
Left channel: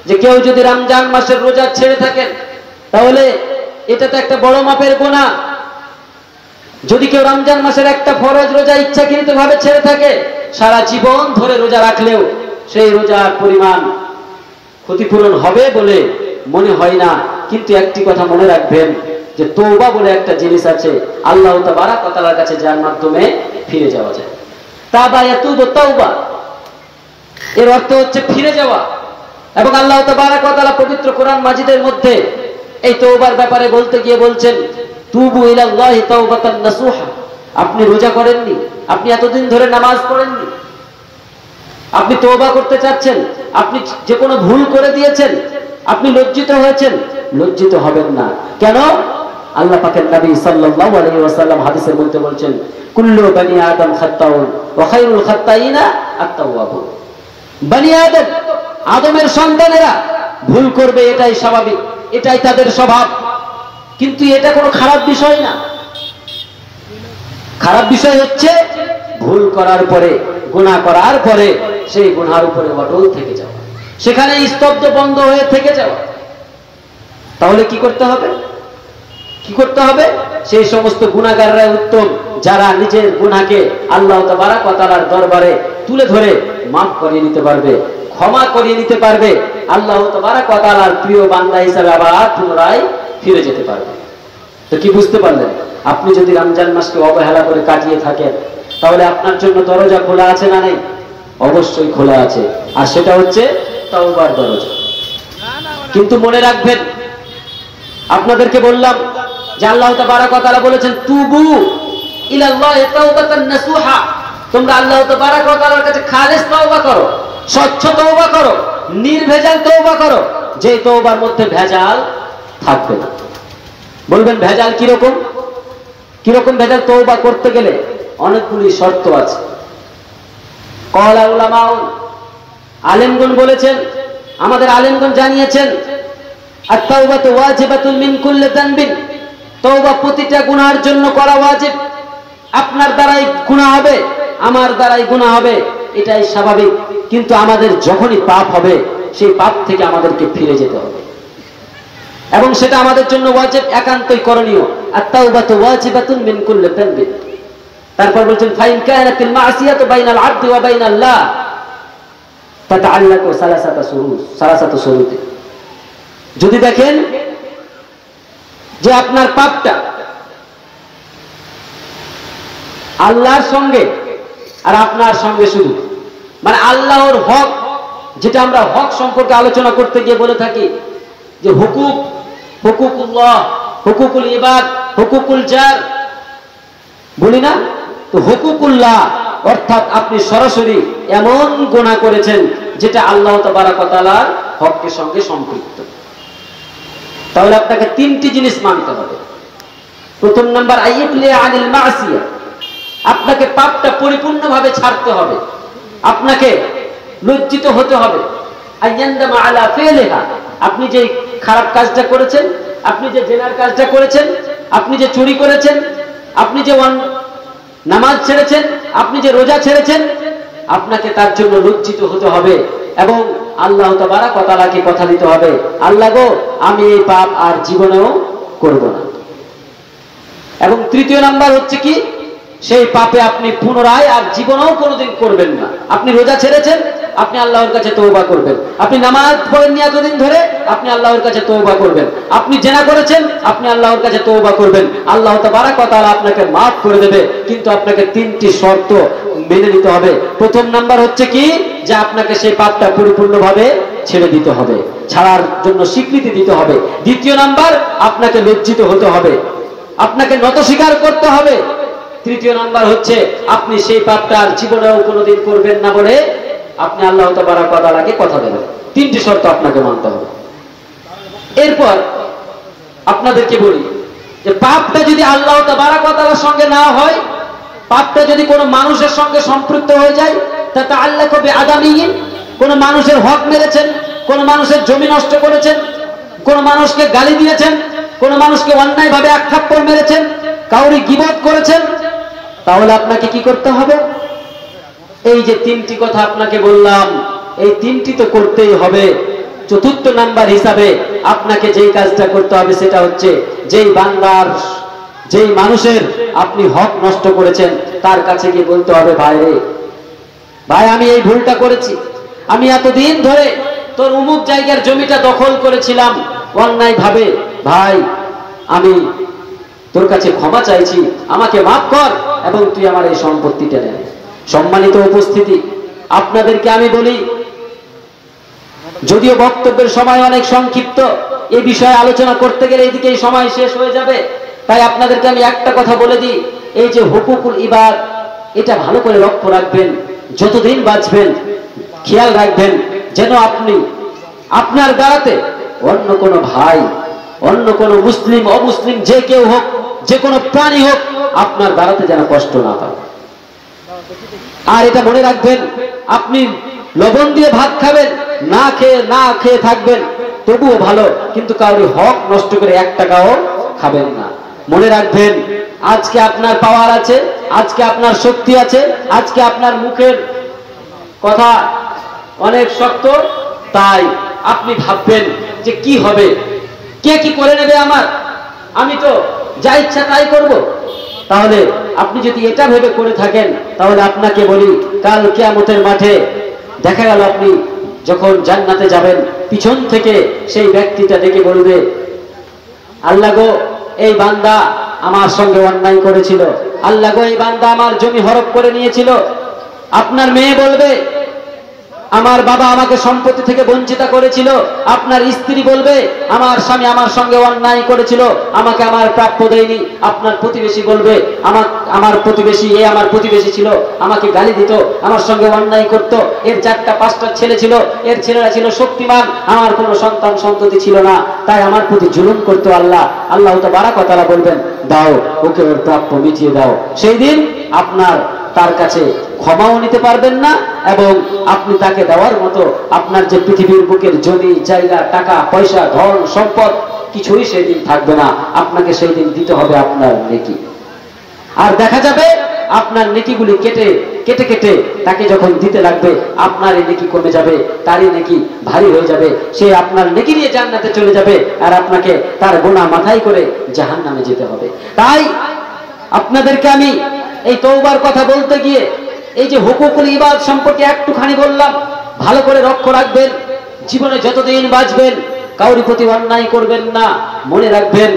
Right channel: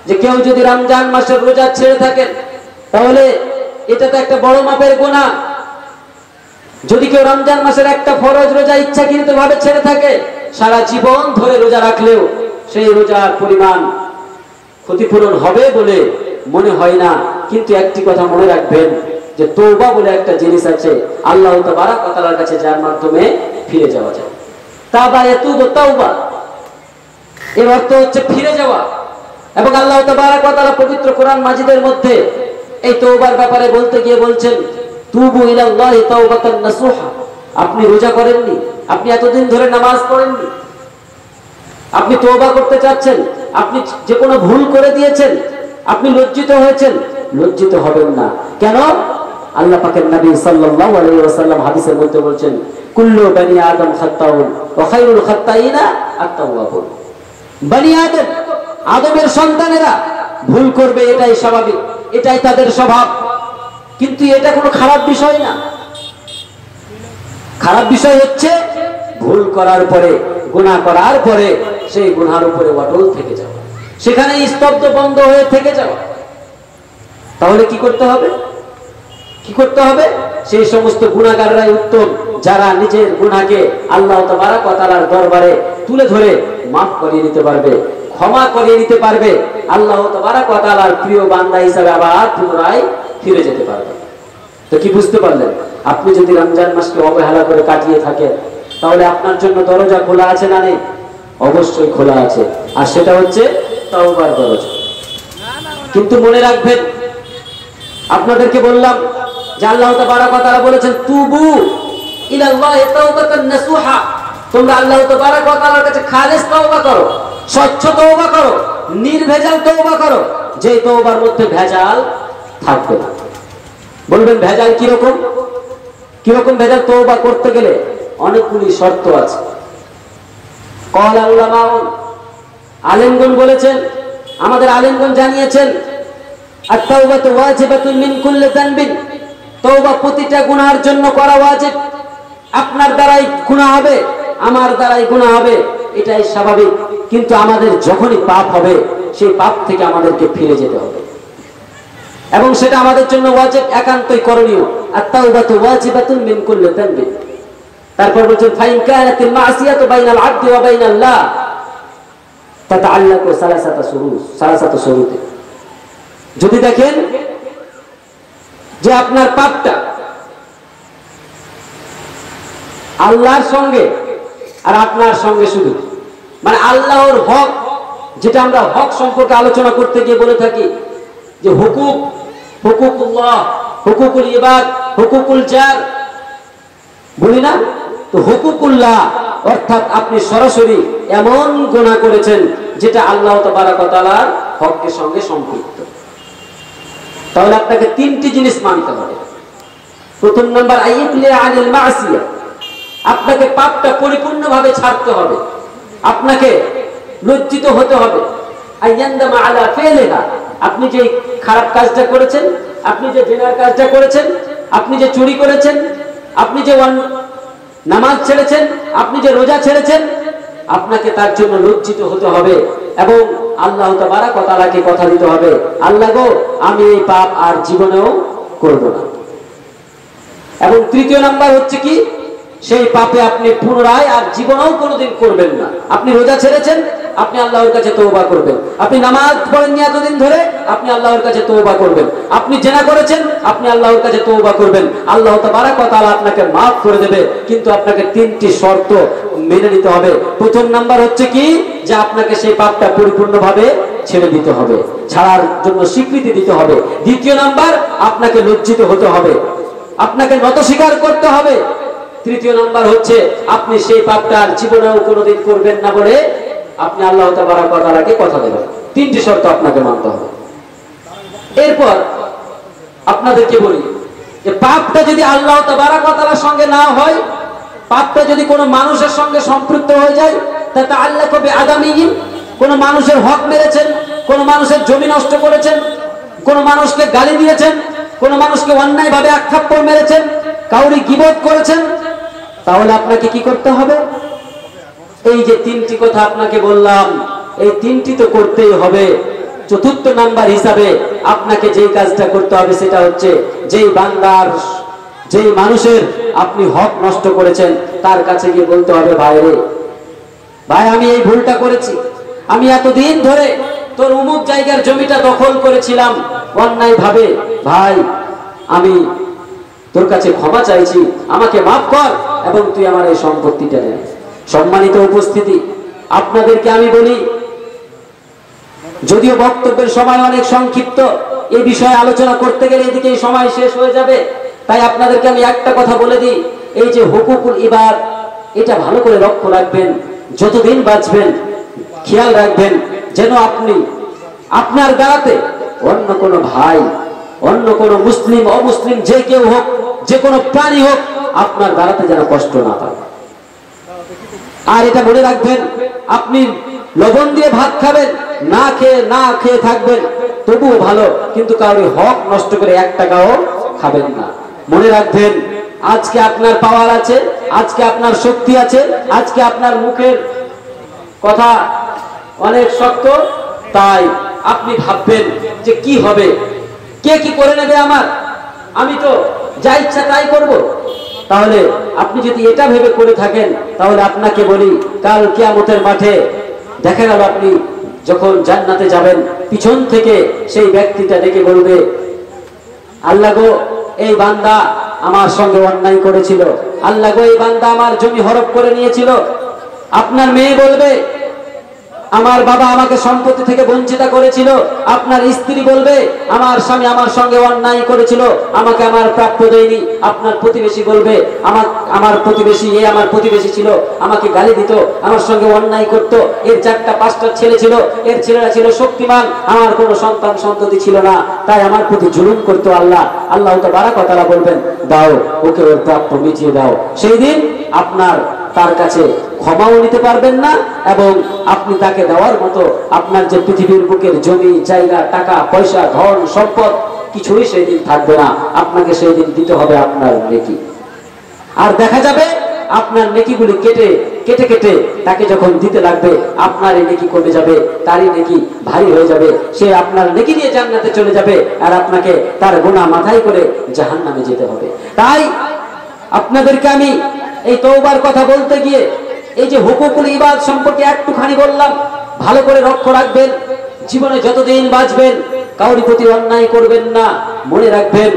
যে কেউ যদি রমজান মাসের রোজা ছেড়ে থাকেন, তাহলে এটা তো একটা বড় মাপের গুনাহ। যদি কেউ রমজান মাসের একটা ফরজ রোজা ইচ্ছাকৃতভাবে ছেড়ে থাকে, সারা জীবন ধরে রোজা রাখলেও সেই রোজার পরিমাণ ক্ষতিপূরণ হবে বলে মনে হয় না। কিন্তু একটি কথা মনে রাখবেন যে তওবা বলে একটা জিনিস আছে আল্লাহ তাবারক ওয়া তাআলার কাছে, যার মাধ্যমে ফিরে যাওয়া যায়। তাবা ইয়াতুবু তাওবা, এর অর্থ হচ্ছে ফিরে যাওয়া। এবং আল্লাহ তাবারাক ওয়া তাআলা পবিত্র কোরআন মাজিদের মধ্যে এই তওবার ব্যাপারে বলতে গিয়ে বলছেন, তুবু ইলাল্লাহি তাওবাতান নাসুহা। আপনি রোজা করেননি, আপনি এতদিন ধরে নামাজ পড়েননি, আপনি তওবা করতে চাচ্ছেন, আপনি যে কোনো ভুল করে দিয়েছেন, আপনি লজ্জিত হয়েছেন, লজ্জিত হবেন না। কেন? আল্লাহ পাকের নবী সাল্লাল্লাহু আলাইহি ওয়াসাল্লাম হাদিসের মধ্যে বলছেন, কুল্লু বনি আদম খাত্তাউন ওয়া খায়রুল খাত্তাইনা আত-তাওয়াবুন। বনি আদম, আদমের সন্তানেরা ভুল করবে, এটাই স্বাভাবিক, এটাই তাদের স্বভাব। কিন্তু এটা কোনো খারাপ বিষয় না। খারাপ বিষয় হচ্ছে ভুল করার পরে, গুনাহ করার পরে সেই গুনার উপরে অটল থেকে যাওয়া, সেখানে স্তব্ধ বন্ধ হয়ে থেকে যাওয়া। তাহলে কি করতে হবে? কি করতে হবে? সেই সমস্ত গুনাহগাররা উত্তম, যারা নিজের গুনাহকে আল্লাহ তাবারাক ওয়া তাআলার দরবারে তুলে ধরে মাফ করিয়ে নিতে পারবে, ক্ষমা করিয়ে নিতে পারবে, আল্লাহ তাবারাক ওয়া তাআলার প্রিয় বান্দা হিসেবে আবার পুনরায় ফিরে যেতে পারবে। তো কি বুঝতে পারলেন? আপনি যদি রমজান মাসকে অবহেলা করে কাটিয়ে থাকেন, তাহলে আপনার জন্য দরজা খোলা আছে না নেই? অবশ্যই খোলা আছে, আর সেটা হচ্ছে তওবার দরজা। কিন্তু মনে রাখবেন, আপনাদেরকে বললাম যে আল্লাহ তাবারাক ওয়া তাআলা বলেছেন, তুবু ইলাল্লাহি তাওবাতান নাসুহা। তোমরা আল্লাহ তাবারাক ওয়া তাআলার কাছে খালিস তওবা করো, স্বচ্ছ তওবা করো, নির্ভেজাল তওবা করো, যে তওবার মধ্যে ভেজাল থাকবে না। বলবেন ভেজাল কিরকম? কিরকম ভেজাল? তওবা করতে গেলে অনেকগুলি শর্ত আছে। ক্বালা উলামা, আলেমগণ বলেছেন, আমাদের আলেমগণ জানিয়েছেন, আত-তাওবাতু ওয়াজিবাতুন মিন কুল্লি যানবিন। তওবা প্রতিটা গুনাহের জন্য করা ওয়াজিব। আপনার দ্বারাই গুনাহ হবে, আমার দ্বারাই গুনাহ হবে, এটাই স্বাভাবিক। কিন্তু আমাদের যখনই পাপ হবে, সেই পাপ থেকে আমাদেরকে ফিরে যেতে হবে, এবং সেটা আমাদের জন্য ওয়াজিব, একান্তই করণীয়। আত-তাওবাতু ওয়াজিবাতুন মিন কুল্লি যানবিন। তারপর বলেছেন, ফাইন কানাতিল মাসিয়াতু বাইনাল আবদি ওয়া বাইনাল্লাহ তাতাআল্লাকু সালাসাতু শুরুত। যদি দেখেন যে আপনার পাপটা আল্লাহর সঙ্গে আর আপনার সঙ্গে শুধু, মানে আল্লাহর হক, যেটা আমরা হক সম্পর্কে আলোচনা করতে গিয়ে বলে থাকি যে হুকুক, হুকুকুল্লাহ, হুকুকুল ইবাদ, হুকুকুল জার, বলি না? তো হুকুকুল্লাহ অর্থাৎ আপনি সরাসরি এমন গুনাহ করেছেন যেটা আল্লাহ তাবারাক ওয়া তাআলার হকের সঙ্গে সম্পৃক্ত। তাহলে আপনাকে তিনটি জিনিস মানতে হবে। প্রথম নাম্বার, আইয়ুবলি আনিল মাসিয়া, আপনাকে পাপটা পরিপূর্ণভাবে ছাড়তে হবে, আপনাকে লজ্জিত হতে হবে। আইয়ান্দামা আলা ফিলিহা, আপনি যে খারাপ কাজটা করেছেন, আপনি যে জিনার কাজটা করেছেন, আপনি যে চুরি করেছেন, আপনি যে নামাজ ছেড়েছেন, আপনি যে রোজা ছেড়েছেন, আপনাকে তার জন্য লজ্জিত হতে হবে এবং আল্লাহ তাবারাক ওয়া তাআলাকে কথা দিতে হবে, আল্লাহ গো, আমি এই পাপ আর জীবনেও করব না। এবং তৃতীয় নাম্বার হচ্ছে কি, সেই পাপে আপনি পুনরায় আর জীবনেও কোনোদিন করবেন না। আপনি রোজা ছেড়েছেন, আপনি আল্লাহর কাছে তওবা করবেন। আপনি নামাজ পড়েননি এতদিন ধরে, আপনি আল্লাহর কাছে তওবা করবেন। আপনি জিনা করেছেন, আপনি আল্লাহর কাছে তওবা করবেন। আল্লাহ তাবারাক ওয়া তাআলা আপনাকে মাফ করে দেবে, কিন্তু আপনাকে তিনটি শর্ত মেনে নিতে হবে। প্রথম নাম্বার হচ্ছে কি, যে আপনাকে সেই পাপটা পরিপূর্ণভাবে ছেড়ে দিতে হবে, ছাড়ার জন্য স্বীকৃতি দিতে হবে। দ্বিতীয় নাম্বার, আপনাকে লজ্জিত হতে হবে, আপনাকে নত স্বীকার করতে হবে। তৃতীয় নাম্বার হচ্ছে, আপনি সেই পাপটা আর জীবনেও কোনোদিন করবেন না বলে আপনি আল্লাহ তাবারাক ওয়া তাআলাকে কথা দেবেন। তিনটি শর্ত আপনাকে মানতে হবে। এরপর আপনাদেরকে বলি যে পাপটা যদি আল্লাহ তাবারাক ওয়া তাআলার সঙ্গে না হয়, পাপটা যদি কোনো মানুষের সঙ্গে সম্পৃক্ত হয়ে যায়, তাতাআল্লাকু বিআদামিহি, কোনো মানুষের হক মেরেছেন, কোনো মানুষের জমি নষ্ট করেছেন, কোনো মানুষকে গালি দিয়েছেন, কোনো মানুষকে অন্যায়ভাবে আঘাত করে মেরেছেন, কাউরি গীবত করেছেন, তাহলে আপনাকে কি করতে হবে? এই যে তিনটি কথা আপনাকে বললাম, এই তিনটি তো করতেই হবে। চতুর্থ নাম্বার হিসাবে আপনাকে যেই কাজটা করতে হবে সেটা হচ্ছে, যেই বান্দার, যেই মানুষের আপনি হক নষ্ট করেছেন, তার কাছে গিয়ে বলতে হবে, ভাই রে, ভাই আমি এই ভুলটা করেছি, আমি এতদিন ধরে তোর অমুক জায়গার জমিটা দখল করেছিলাম অন্যায় ভাবে, ভাই আমি তোর কাছে ক্ষমা চাইছি, আমাকে মাফ কর এবং তুই আমার এই সম্পত্তিটা নে। সম্মানিত উপস্থিতি, আপনাদেরকে আমি বলি, যদিও বক্তব্যের সময় অনেক সংক্ষিপ্ত, এই বিষয়ে আলোচনা করতে গেলে এদিকে সময় শেষ হয়ে যাবে। তাই আপনাদেরকে আমি একটা কথা বলে দিই, এই যে হুকুকুল ইবাদ, এটা ভালো করে লক্ষ্য রাখবেন। যতদিন বাঁচবেন খেয়াল রাখবেন যেন আপনি আপনার দ্বারাতে অন্য কোনো ভাই, অন্য কোনো মুসলিম অমুসলিম যে কেউ হোক, যে কোনো প্রাণী হোক, আপনার দ্বারাতে যেন কষ্ট না পায়। আর এটা মনে রাখবেন, আপনি লবণ দিয়ে ভাত খাবেন, না খেয়ে থাকবেন, তবুও ভালো, কিন্তু কাউরি হক নষ্ট করে 1 টাকাও খাবেন না। মনে রাখবেন, আজকে আপনার পাওয়ার আছে, আজকে আপনার শক্তি আছে, আজকে আপনার মুখের কথা অনেক শক্ত, তাই আপনি ভাববেন যে কি হবে, কে কি করে নেবে আমার, আমি তো যা ইচ্ছা তাই করব। তাহলে আপনি যদি এটা ভেবে করে থাকেন, তাহলে আপনাকে বলি, কাল কিয়ামতের মাঠে দেখা গেল আপনি যখন জান্নাতে যাবেন, পিছন থেকে সেই ব্যক্তিটা ডেকে বলবে, আল্লাহ গো, এই বান্দা আমার সঙ্গে অন্যায় করেছিল, আল্লাহ গো, এই বান্দা আমার জমি হরপ করে নিয়েছিল। আপনার মেয়ে বলবে, আমার বাবা আমাকে সম্পত্তি থেকে বঞ্চিত করেছিল। আপনার স্ত্রী বলবে, আমার স্বামী আমার সঙ্গে অন্যায় করেছিল, আমাকে আমার প্রাপ্য দেয়নি। আপনার প্রতিবেশী বলবে, আমার প্রতিবেশী, আমার প্রতিবেশী ছিল, আমাকে গালি দিত, আমার সঙ্গে অন্যায় করত, এর 4টা 5টা ছেলে ছিল, এর ছেলেরা ছিল শক্তিমান, আমার কোনো সন্তান সন্ততি ছিল না, তাই আমার প্রতি জুলুম করতো। আল্লাহ তাবারক ওয়া তাআলা বলবেন, দাও ওকে ওর প্রাপ্য মিটিয়ে দাও। সেই দিন আপনার তার কাছে ক্ষমাও নিতে পারবেন না, এবং আপনি তাকে দেওয়ার মতো আপনার যে পৃথিবীর বুকের জমি জায়গা, টাকা পয়সা, ধন সম্পদ কিছুই সেই দিন থাকবে না। আপনাকে সেই দিন দিতে হবে আপনার নেকি। আর দেখা যাবে আপনার নেকিগুলি কেটে কেটে কেটে তাকে যখন দিতে লাগবে, আপনার এই নেকি কমে যাবে, তারই নেকি ভারী হয়ে যাবে, সে আপনার নেকি নিয়ে জান্নাতে চলে যাবে, আর আপনাকে তার গুনাহ মাথায় করে জাহান্নামে যেতে হবে। তাই আপনাদেরকে আমি এই তওবার কথা বলতে গিয়ে এই যে হুকুকুল ইবাদ সম্পর্কে একটুখানি বললাম, ভালো করে লক্ষ্য রাখবেন। জীবনে যতদিন বাঁচবেন কাউরি প্রতি অন্যায় করবেন না। মনে রাখবেন,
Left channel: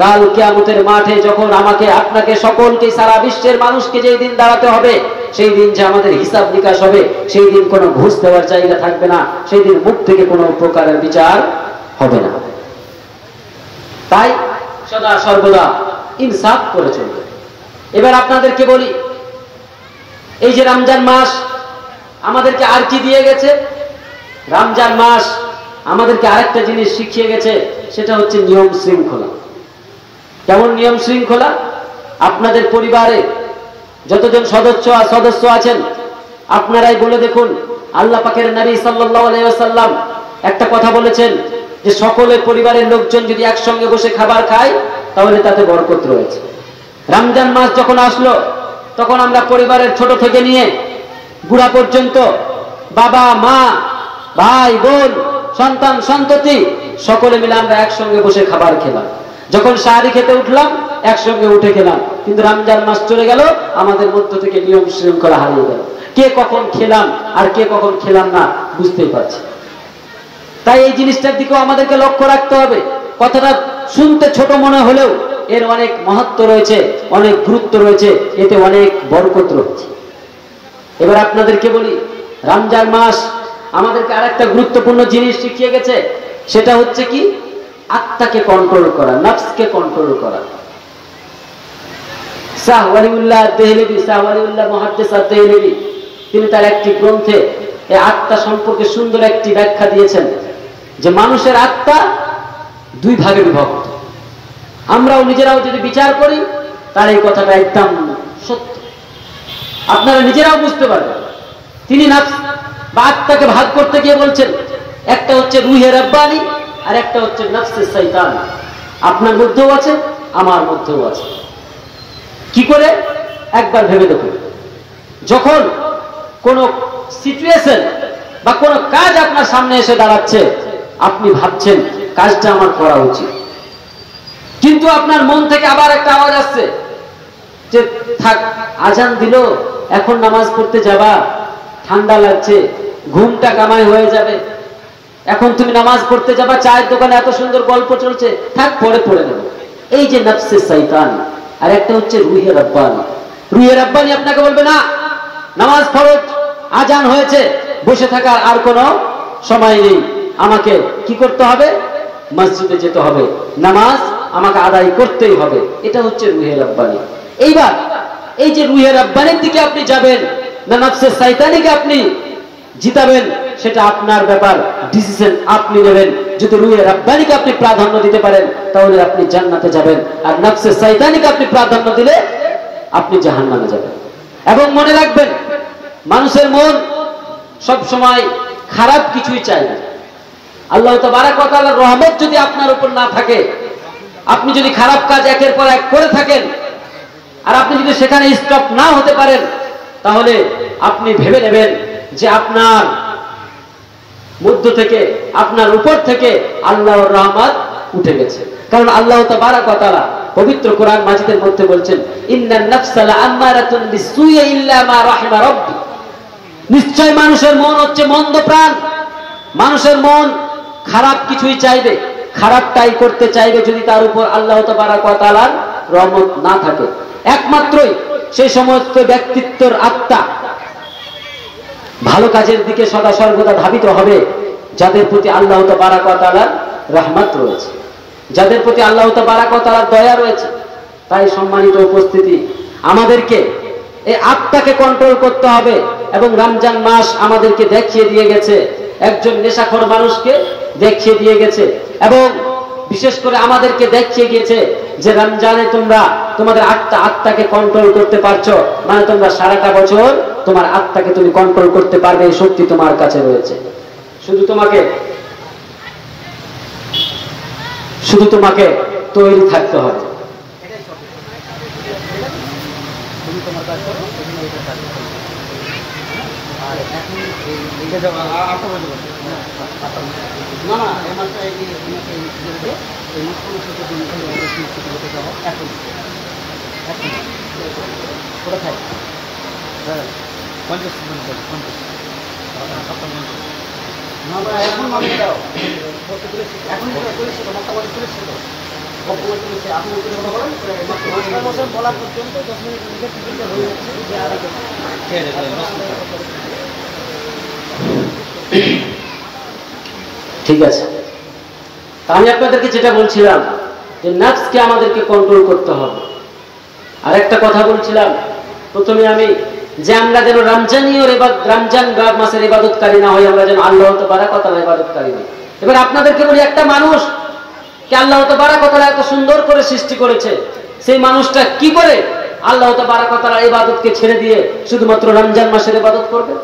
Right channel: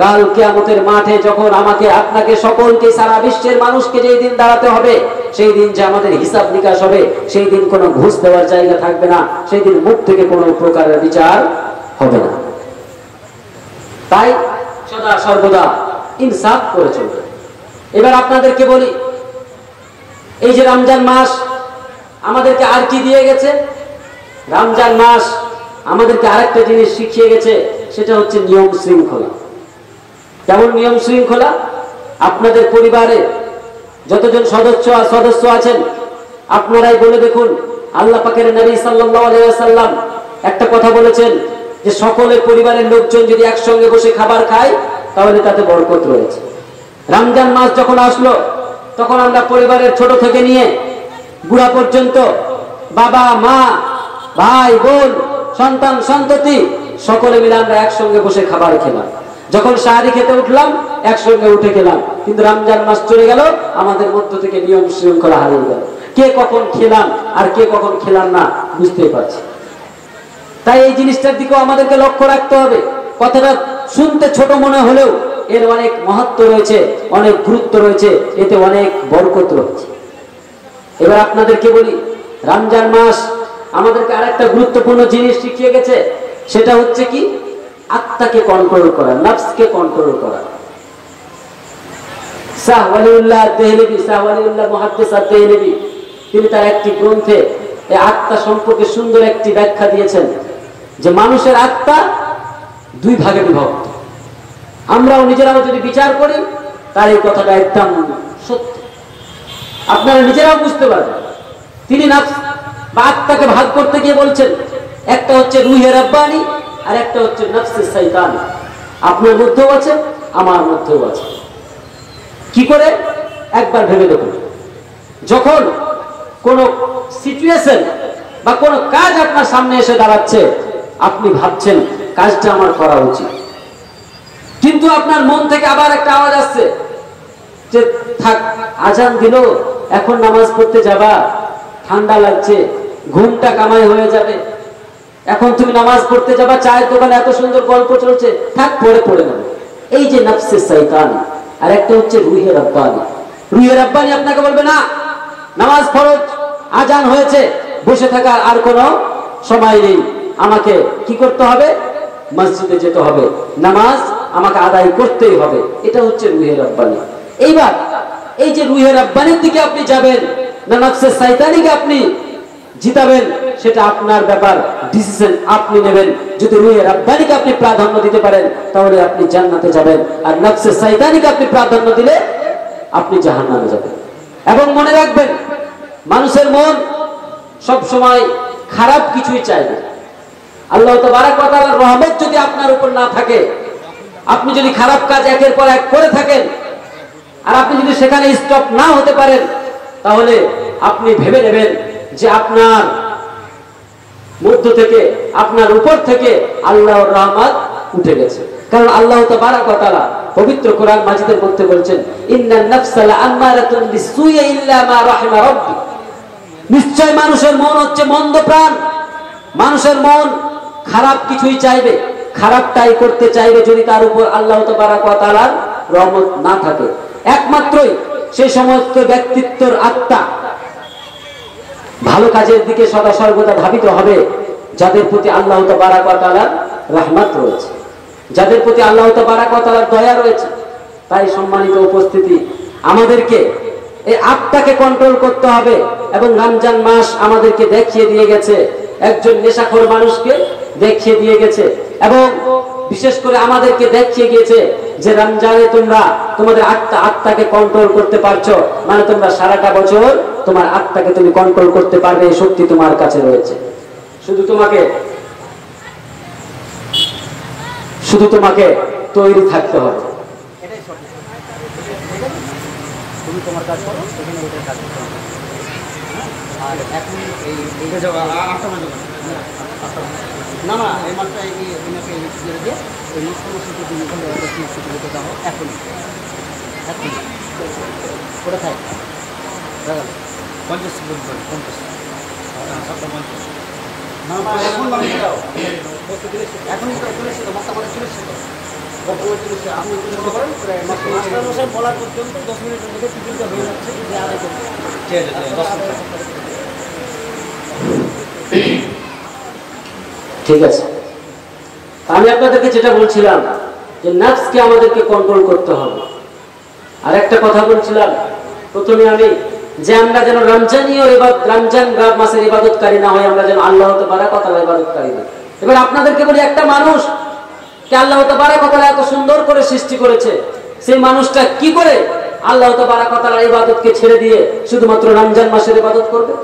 কাল কিয়ামতের মাঠে যখন আমাকে, আপনাকে, সকলকে, সারা বিশ্বের মানুষকে যেই দিন দাঁড়াতে হবে, সেই দিন যে আমাদের হিসাব নিকাশ হবে, সেই দিন কোনো ঘুষ দেওয়ার জায়গা থাকবে না, সেই দিন মুখ থেকে কোনো প্রকারের বিচার হবে না। তাই সদা সর্বদা ইনসাফ করে চলবে। এবার আপনাদেরকে বলি, এই যে রমজান মাস আমাদেরকে আর কি দিয়ে গেছে? রমজান মাস আমাদেরকে আরেকটা জিনিস শিখিয়ে গেছে, সেটা হচ্ছে নিয়ম শৃঙ্খলা। কেমন নিয়ম শৃঙ্খলা? আপনাদের পরিবারে যতজন সদস্য আছেন, আপনারাই বলে দেখুন, আল্লাহ পাকের নবী সাল্লাল্লাহু আলাইহি ওয়াসাল্লাম একটা কথা বলেছেন যে সকলের পরিবারের লোকজন যদি একসঙ্গে বসে খাবার খায়, তাহলে তাতে বরকত রয়েছে। রমজান মাস যখন আসলো, তখন আমরা পরিবারের ছোট থেকে নিয়ে বুড়া পর্যন্ত, বাবা মা ভাই বোন সন্তান সন্ততি সকলে মিলে আমরা একসঙ্গে বসে খাবার খেলাম। যখন সাহারি খেতে উঠলাম একসঙ্গে উঠে খেলাম। কিন্তু রমজান মাস চলে গেল, আমাদের মধ্য থেকে নিয়ম শৃঙ্খলা হারিয়ে গেল। কে কখন খেলাম আর কে কখন খেলাম না বুঝতেই পারছি। তাই এই জিনিসটার দিকেও আমাদেরকে লক্ষ্য রাখতে হবে। কথাটা শুনতে ছোট মনে হলেও এর অনেক মহত্ব রয়েছে, অনেক গুরুত্ব রয়েছে, এতে অনেক বরকত রয়েছে। এবার আপনাদেরকে বলি, রমজান মাস আমাদেরকে আরেকটা গুরুত্বপূর্ণ জিনিস শিখিয়ে গেছে, সেটা হচ্ছে কি? আত্মাকে কন্ট্রোল করা, নফসকে কন্ট্রোল করা। শাহ ওয়ালিউল্লাহ দেহলভী, শাহ ওয়ালিউল্লাহ মুহাদ্দিস আদ-দেহলভী, তিনি তার একটি গ্রন্থে এই আত্মা সম্পর্কে সুন্দর একটি ব্যাখ্যা দিয়েছেন যে মানুষের আত্মা 2 ভাগে বিভক্ত। আমরাও নিজেরাও যদি বিচার করি, তার এই কথাটা একদম সত্য, আপনারা নিজেরাও বুঝতে পারবেন। তিনি নফস বা আত্মাকে ভাগ করতে গিয়ে বলছেন, একটা হচ্ছে রুহে রাব্বানি আর একটা হচ্ছে নফসে শয়তান। আপনার মধ্যেও আছে, আমার মধ্যেও আছে। কি করে? একবার ভেবে দেখুন, যখন কোন সিচুয়েশন বা কোন কাজ আপনার সামনে এসে দাঁড়াচ্ছে, আপনি ভাবছেন কাজটা আমার করা উচিত, কিন্তু আপনার মন থেকে আবার একটা আওয়াজ আসছে যে থাক, আজান দিল, এখন নামাজ পড়তে যাবা, ঠান্ডা লাগছে, ঘুমটা কামাই হয়ে যাবে, এখন তুমি নামাজ পড়তে যাবা, চায়ের দোকানে এত সুন্দর গল্প চলছে, থাক পরে পড়ে নেব। এই যে নফসে শয়তান। আর একটা হচ্ছে রুহে রাব্বানি। রুহে রাব্বানি আপনাকে বলবে না, নামাজ ফরজ, আজান হয়েছে, বসে থাকার আর কোনো সময় নেই, আমাকে কি করতে হবে? মসজিদে যেতে হবে, নামাজ আমাকে আদায় করতেই হবে। এটা হচ্ছে রুহে রাব্বানী। এইবার এই যে রুহে রাব্বানির দিকে আপনি যাবেন না নফসে শয়তানিকে আপনি জিতাবেন, সেটা আপনার ব্যাপার, ডিসিশন আপনি নেবেন। যদি রুহে রাব্বানিকে আপনি প্রাধান্য দিতে পারেন তাহলে আপনি জান্নাতে যাবেন, আর নফসে শয়তানিকে আপনি প্রাধান্য দিলে আপনি জাহান্নামে যাবেন। এবং মনে রাখবেন, মানুষের মন সব সময় খারাপ কিছুই চাইবে। আল্লাহ তাবারক ওয়া তাআলার রহমত যদি আপনার উপর না থাকে, আপনি যদি খারাপ কাজ একের পর এক করে থাকেন, আর আপনি যদি সেখানে স্টপ না হতে পারেন, তাহলে আপনি ভেবে নেবেন যে আপনার মধ্য থেকে, আপনার উপর থেকে আল্লাহর রহমত উঠে গেছে। কারণ আল্লাহ তাবারক ওয়া তাআলা পবিত্র কোরআন মাজিদের মধ্যে বলছেন, ইন্নান নাফসা লাআম্মারাতুন বিসসুই ইল্লা মা রাহিমা রাব্বি। নিশ্চয় মানুষের মন হচ্ছে মন্দ প্রাণ। মানুষের মন খারাপ কিছুই চাইবে, খারাপটাই করতে চাইবে যদি তার উপর আল্লাহ তাবারক ওয়া তাআলার রহমত না থাকে। একমাত্রই সেই সমস্ত ব্যক্তিত্বের আত্মা ভালো কাজের দিকে সদা সর্বদা ধাবিত হবে যাদের প্রতি আল্লাহ তাবারক ওয়া তাআলার রহমত রয়েছে, যাদের প্রতি আল্লাহ তাবারক ওয়া তাআলার দয়া রয়েছে। তাই সম্মানিত উপস্থিতি, আমাদেরকে এই আত্মাকে কন্ট্রোল করতে হবে। এবং রমজান মাস আমাদেরকে দেখিয়ে দিয়ে গেছে, একজন নেশাখোর মানুষকে দেখিয়ে দিয়ে গেছে, এবং বিশেষ করে আমাদেরকে দেখিয়ে গিয়েছে যে রমজানে তোমরা তোমাদের আত্মাকে কন্ট্রোল করতে পারছো, মানে তোমরা সারাটা বছর তোমার আত্মাকে তুমি কন্ট্রোল করতে পারবে, এই শক্তি তোমার কাছে রয়েছে। শুধু তোমাকে তৈরি থাকতে হবে। তুমি তোমার কাজ করো, এখানে এটার কাজ করো। আর এখন না না, এই মাসটা এনাকে দিয়ে এই মাসটা তুমি স্বীকৃতি দাও এখন এখন ওটা খাই 50 50 না না, এখন মানুষ দাও, এখনই চলে এসছে তো, মশলা বাড়ি চলে এসছে তো, বর্তমানে চলে এসছে। আপনি করেন মাস্টার মশাই বলা পর্যন্ত 10 মিনিটের মধ্যে টিকিটটা হয়ে যাচ্ছে। যে আগে ঠিক আছে, আমি আপনাদেরকে যেটা বলছিলাম যে নফসকে আমাদেরকে কন্ট্রোল করতে হবে। আর একটা কথা বলছিলাম প্রথমে আমি, যে আমরা যেন রমজান মাসের ইবাদতকারী না হয়, আমরা যেন আল্লাহ তাবারক ওয়া তাআলার ইবাদতকারী হই। এবার আপনাদেরকে বলি, একটা মানুষ কে আল্লাহ তাবারক ওয়া তাআলা এত সুন্দর করে সৃষ্টি করেছে, সেই মানুষটা কি করে আল্লাহ তাবারক ওয়া তাআলার ইবাদতকে ছেড়ে দিয়ে শুধুমাত্র রমজান মাসের ইবাদত করবে?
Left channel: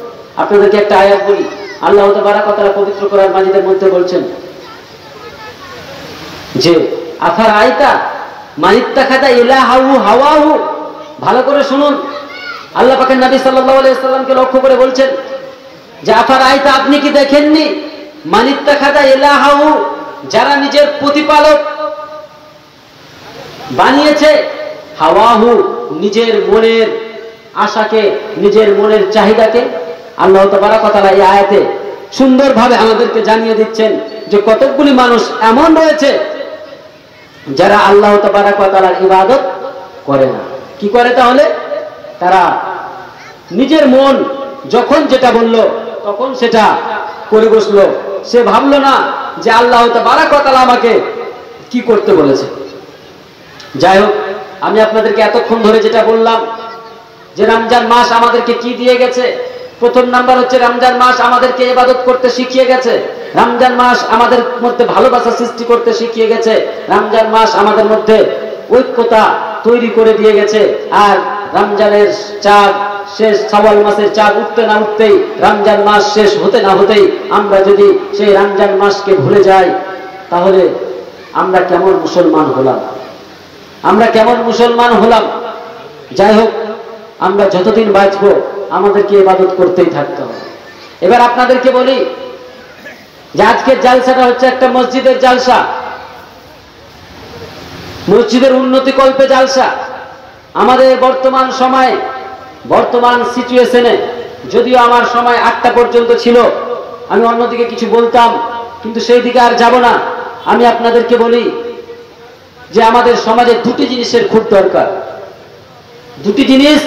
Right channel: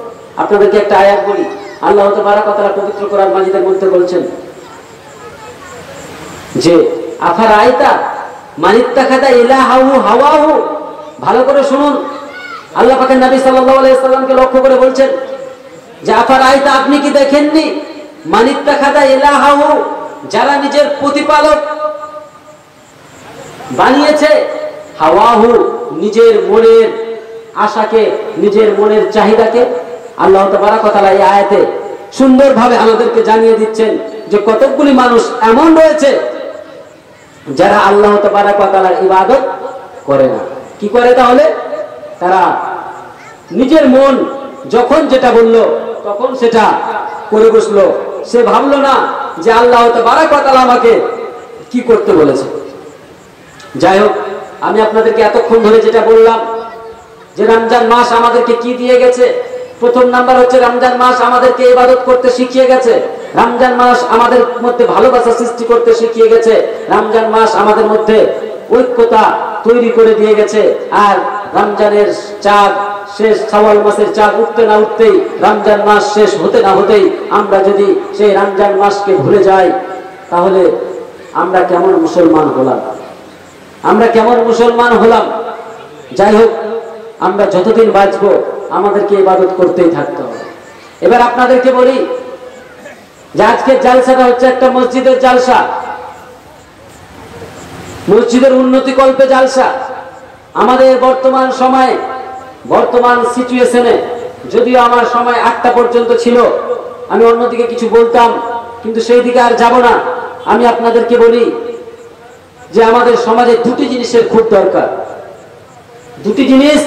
আপনাদেরকে একটা আয়াত বলি, আল্লাহ তাবারক ওয়া তাআলা পবিত্র কোরআন মাজিদের মধ্যে বলছেন যে আফারাআইতা মান ইত্তাখাযা ইলাহাহু হাওয়াহু। ভালো করে শুনুন, আল্লাহ পাকের নবী সাল্লাল্লাহু আলাইহি সাল্লামকে লক্ষ্য করে বলছেন যে আফারাআইতা, আপনি কি দেখেননি, মান ইত্তাখাযা ইলাহাহু, যারা নিজের প্রতিপালক বানিয়েছে, হাওয়াহু, নিজের মনের আশাকে, নিজের মনের চাহিদাকে। আল্লাহ তাবারক ওয়া তাআলা এই আয়াতে সুন্দরভাবে আমাদেরকে জানিয়ে দিচ্ছেন যে কতগুলি মানুষ এমন রয়েছে যারা আল্লাহ তাবারক ওয়া তাআলার ইবাদত করে না। কি করে তাহলে? তারা নিজের মন যখন যেটা বললো তখন সেটা করে বসলো। সে ভাবলো না যে আল্লাহ তাবারক ওয়া তাআলা আমাকে কি করতে বলেছে। যাই হোক, আমি আপনাদেরকে এতক্ষণ ধরে যেটা বললাম যে রমজান মাস আমাদেরকে কি দিয়ে গেছে, প্রথম নাম্বার হচ্ছে রমজান মাস আমাদেরকে ইবাদত করতে শিখিয়ে গেছে। রমজান মাস আমাদের মধ্যে ভালোবাসা সৃষ্টি করতে শিখিয়ে গেছে। রমজান মাস আমাদের মধ্যে ঐক্যতা তৈরি করে দিয়ে গেছে। আর রমজানের চাঁদ শেষ, শাওয়াল মাসের চাঁদ উঠতে না উঠতেই, রমজান মাস শেষ হতে না হতেই আমরা যদি সেই রমজান মাসকে ভুলে যাই, তাহলে আমরা কেমন মুসলমান হলাম? আমরা কেমন মুসলমান হলাম? যাই হোক, আমরা যতদিন বাঁচবো আমাদেরকে ইবাদত করতেই থাকতে হবে। এবার আপনাদেরকে বলি যে আজকের জালসাটা হচ্ছে একটা মসজিদের জালসা, মসজিদের উন্নতি কল্পে জালসা। আমাদের বর্তমান সময়ে, বর্তমান সিচুয়েশনে, যদিও আমার সময় 8টা পর্যন্ত ছিল, আমি অন্যদিকে কিছু বলতাম, কিন্তু সেই দিকে আর যাব না। আমি আপনাদেরকে বলি যে আমাদের সমাজে দুটি জিনিসের খুব দরকার। দুটি জিনিস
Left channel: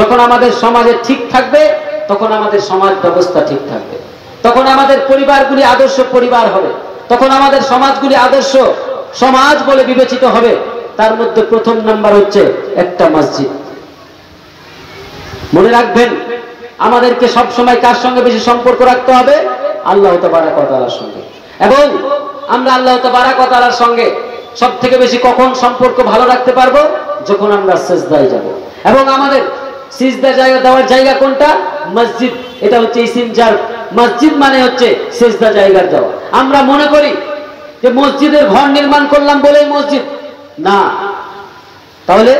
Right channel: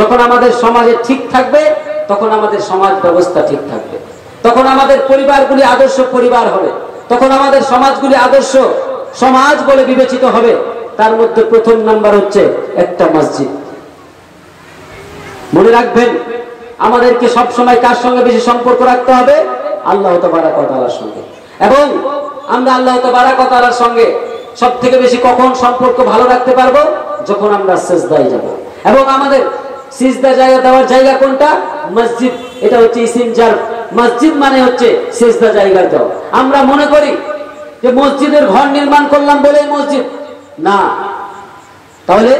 যখন আমাদের সমাজে ঠিক থাকবে, তখন আমাদের সমাজ ব্যবস্থা ঠিক থাকবে। তখন আমাদের পরিবারগুলি আদর্শ পরিবার হবে, তখন আমাদের সমাজগুলি আদর্শ সমাজ বলে বিবেচিত হবে। তার মধ্যে প্রথম নাম্বার হচ্ছে একটা মসজিদ। মনে রাখবেন, আমাদেরকে সব সময় কার সঙ্গে বেশি সম্পর্ক রাখতে হবে? আল্লাহ তাবারক ওয়া তাআলার সঙ্গে। এবং আমরা আল্লাহ তাবারক ওয়া তাআলার সঙ্গে সব থেকে বেশি কখন সম্পর্ক ভালো রাখতে পারবো? যখন আমরা সিজদায় যাব। এবং আমাদের সিজদা জায়গা দেওয়ার জায়গা কোনটা? মসজিদ। এটা হচ্ছে ইসিম জার। মসজিদ মানে হচ্ছে সিজদা জায়গা দেওয়া। আমরা মনে করি যে মসজিদের ঘর নির্মাণ করলাম বলেই মসজিদ না, তাহলে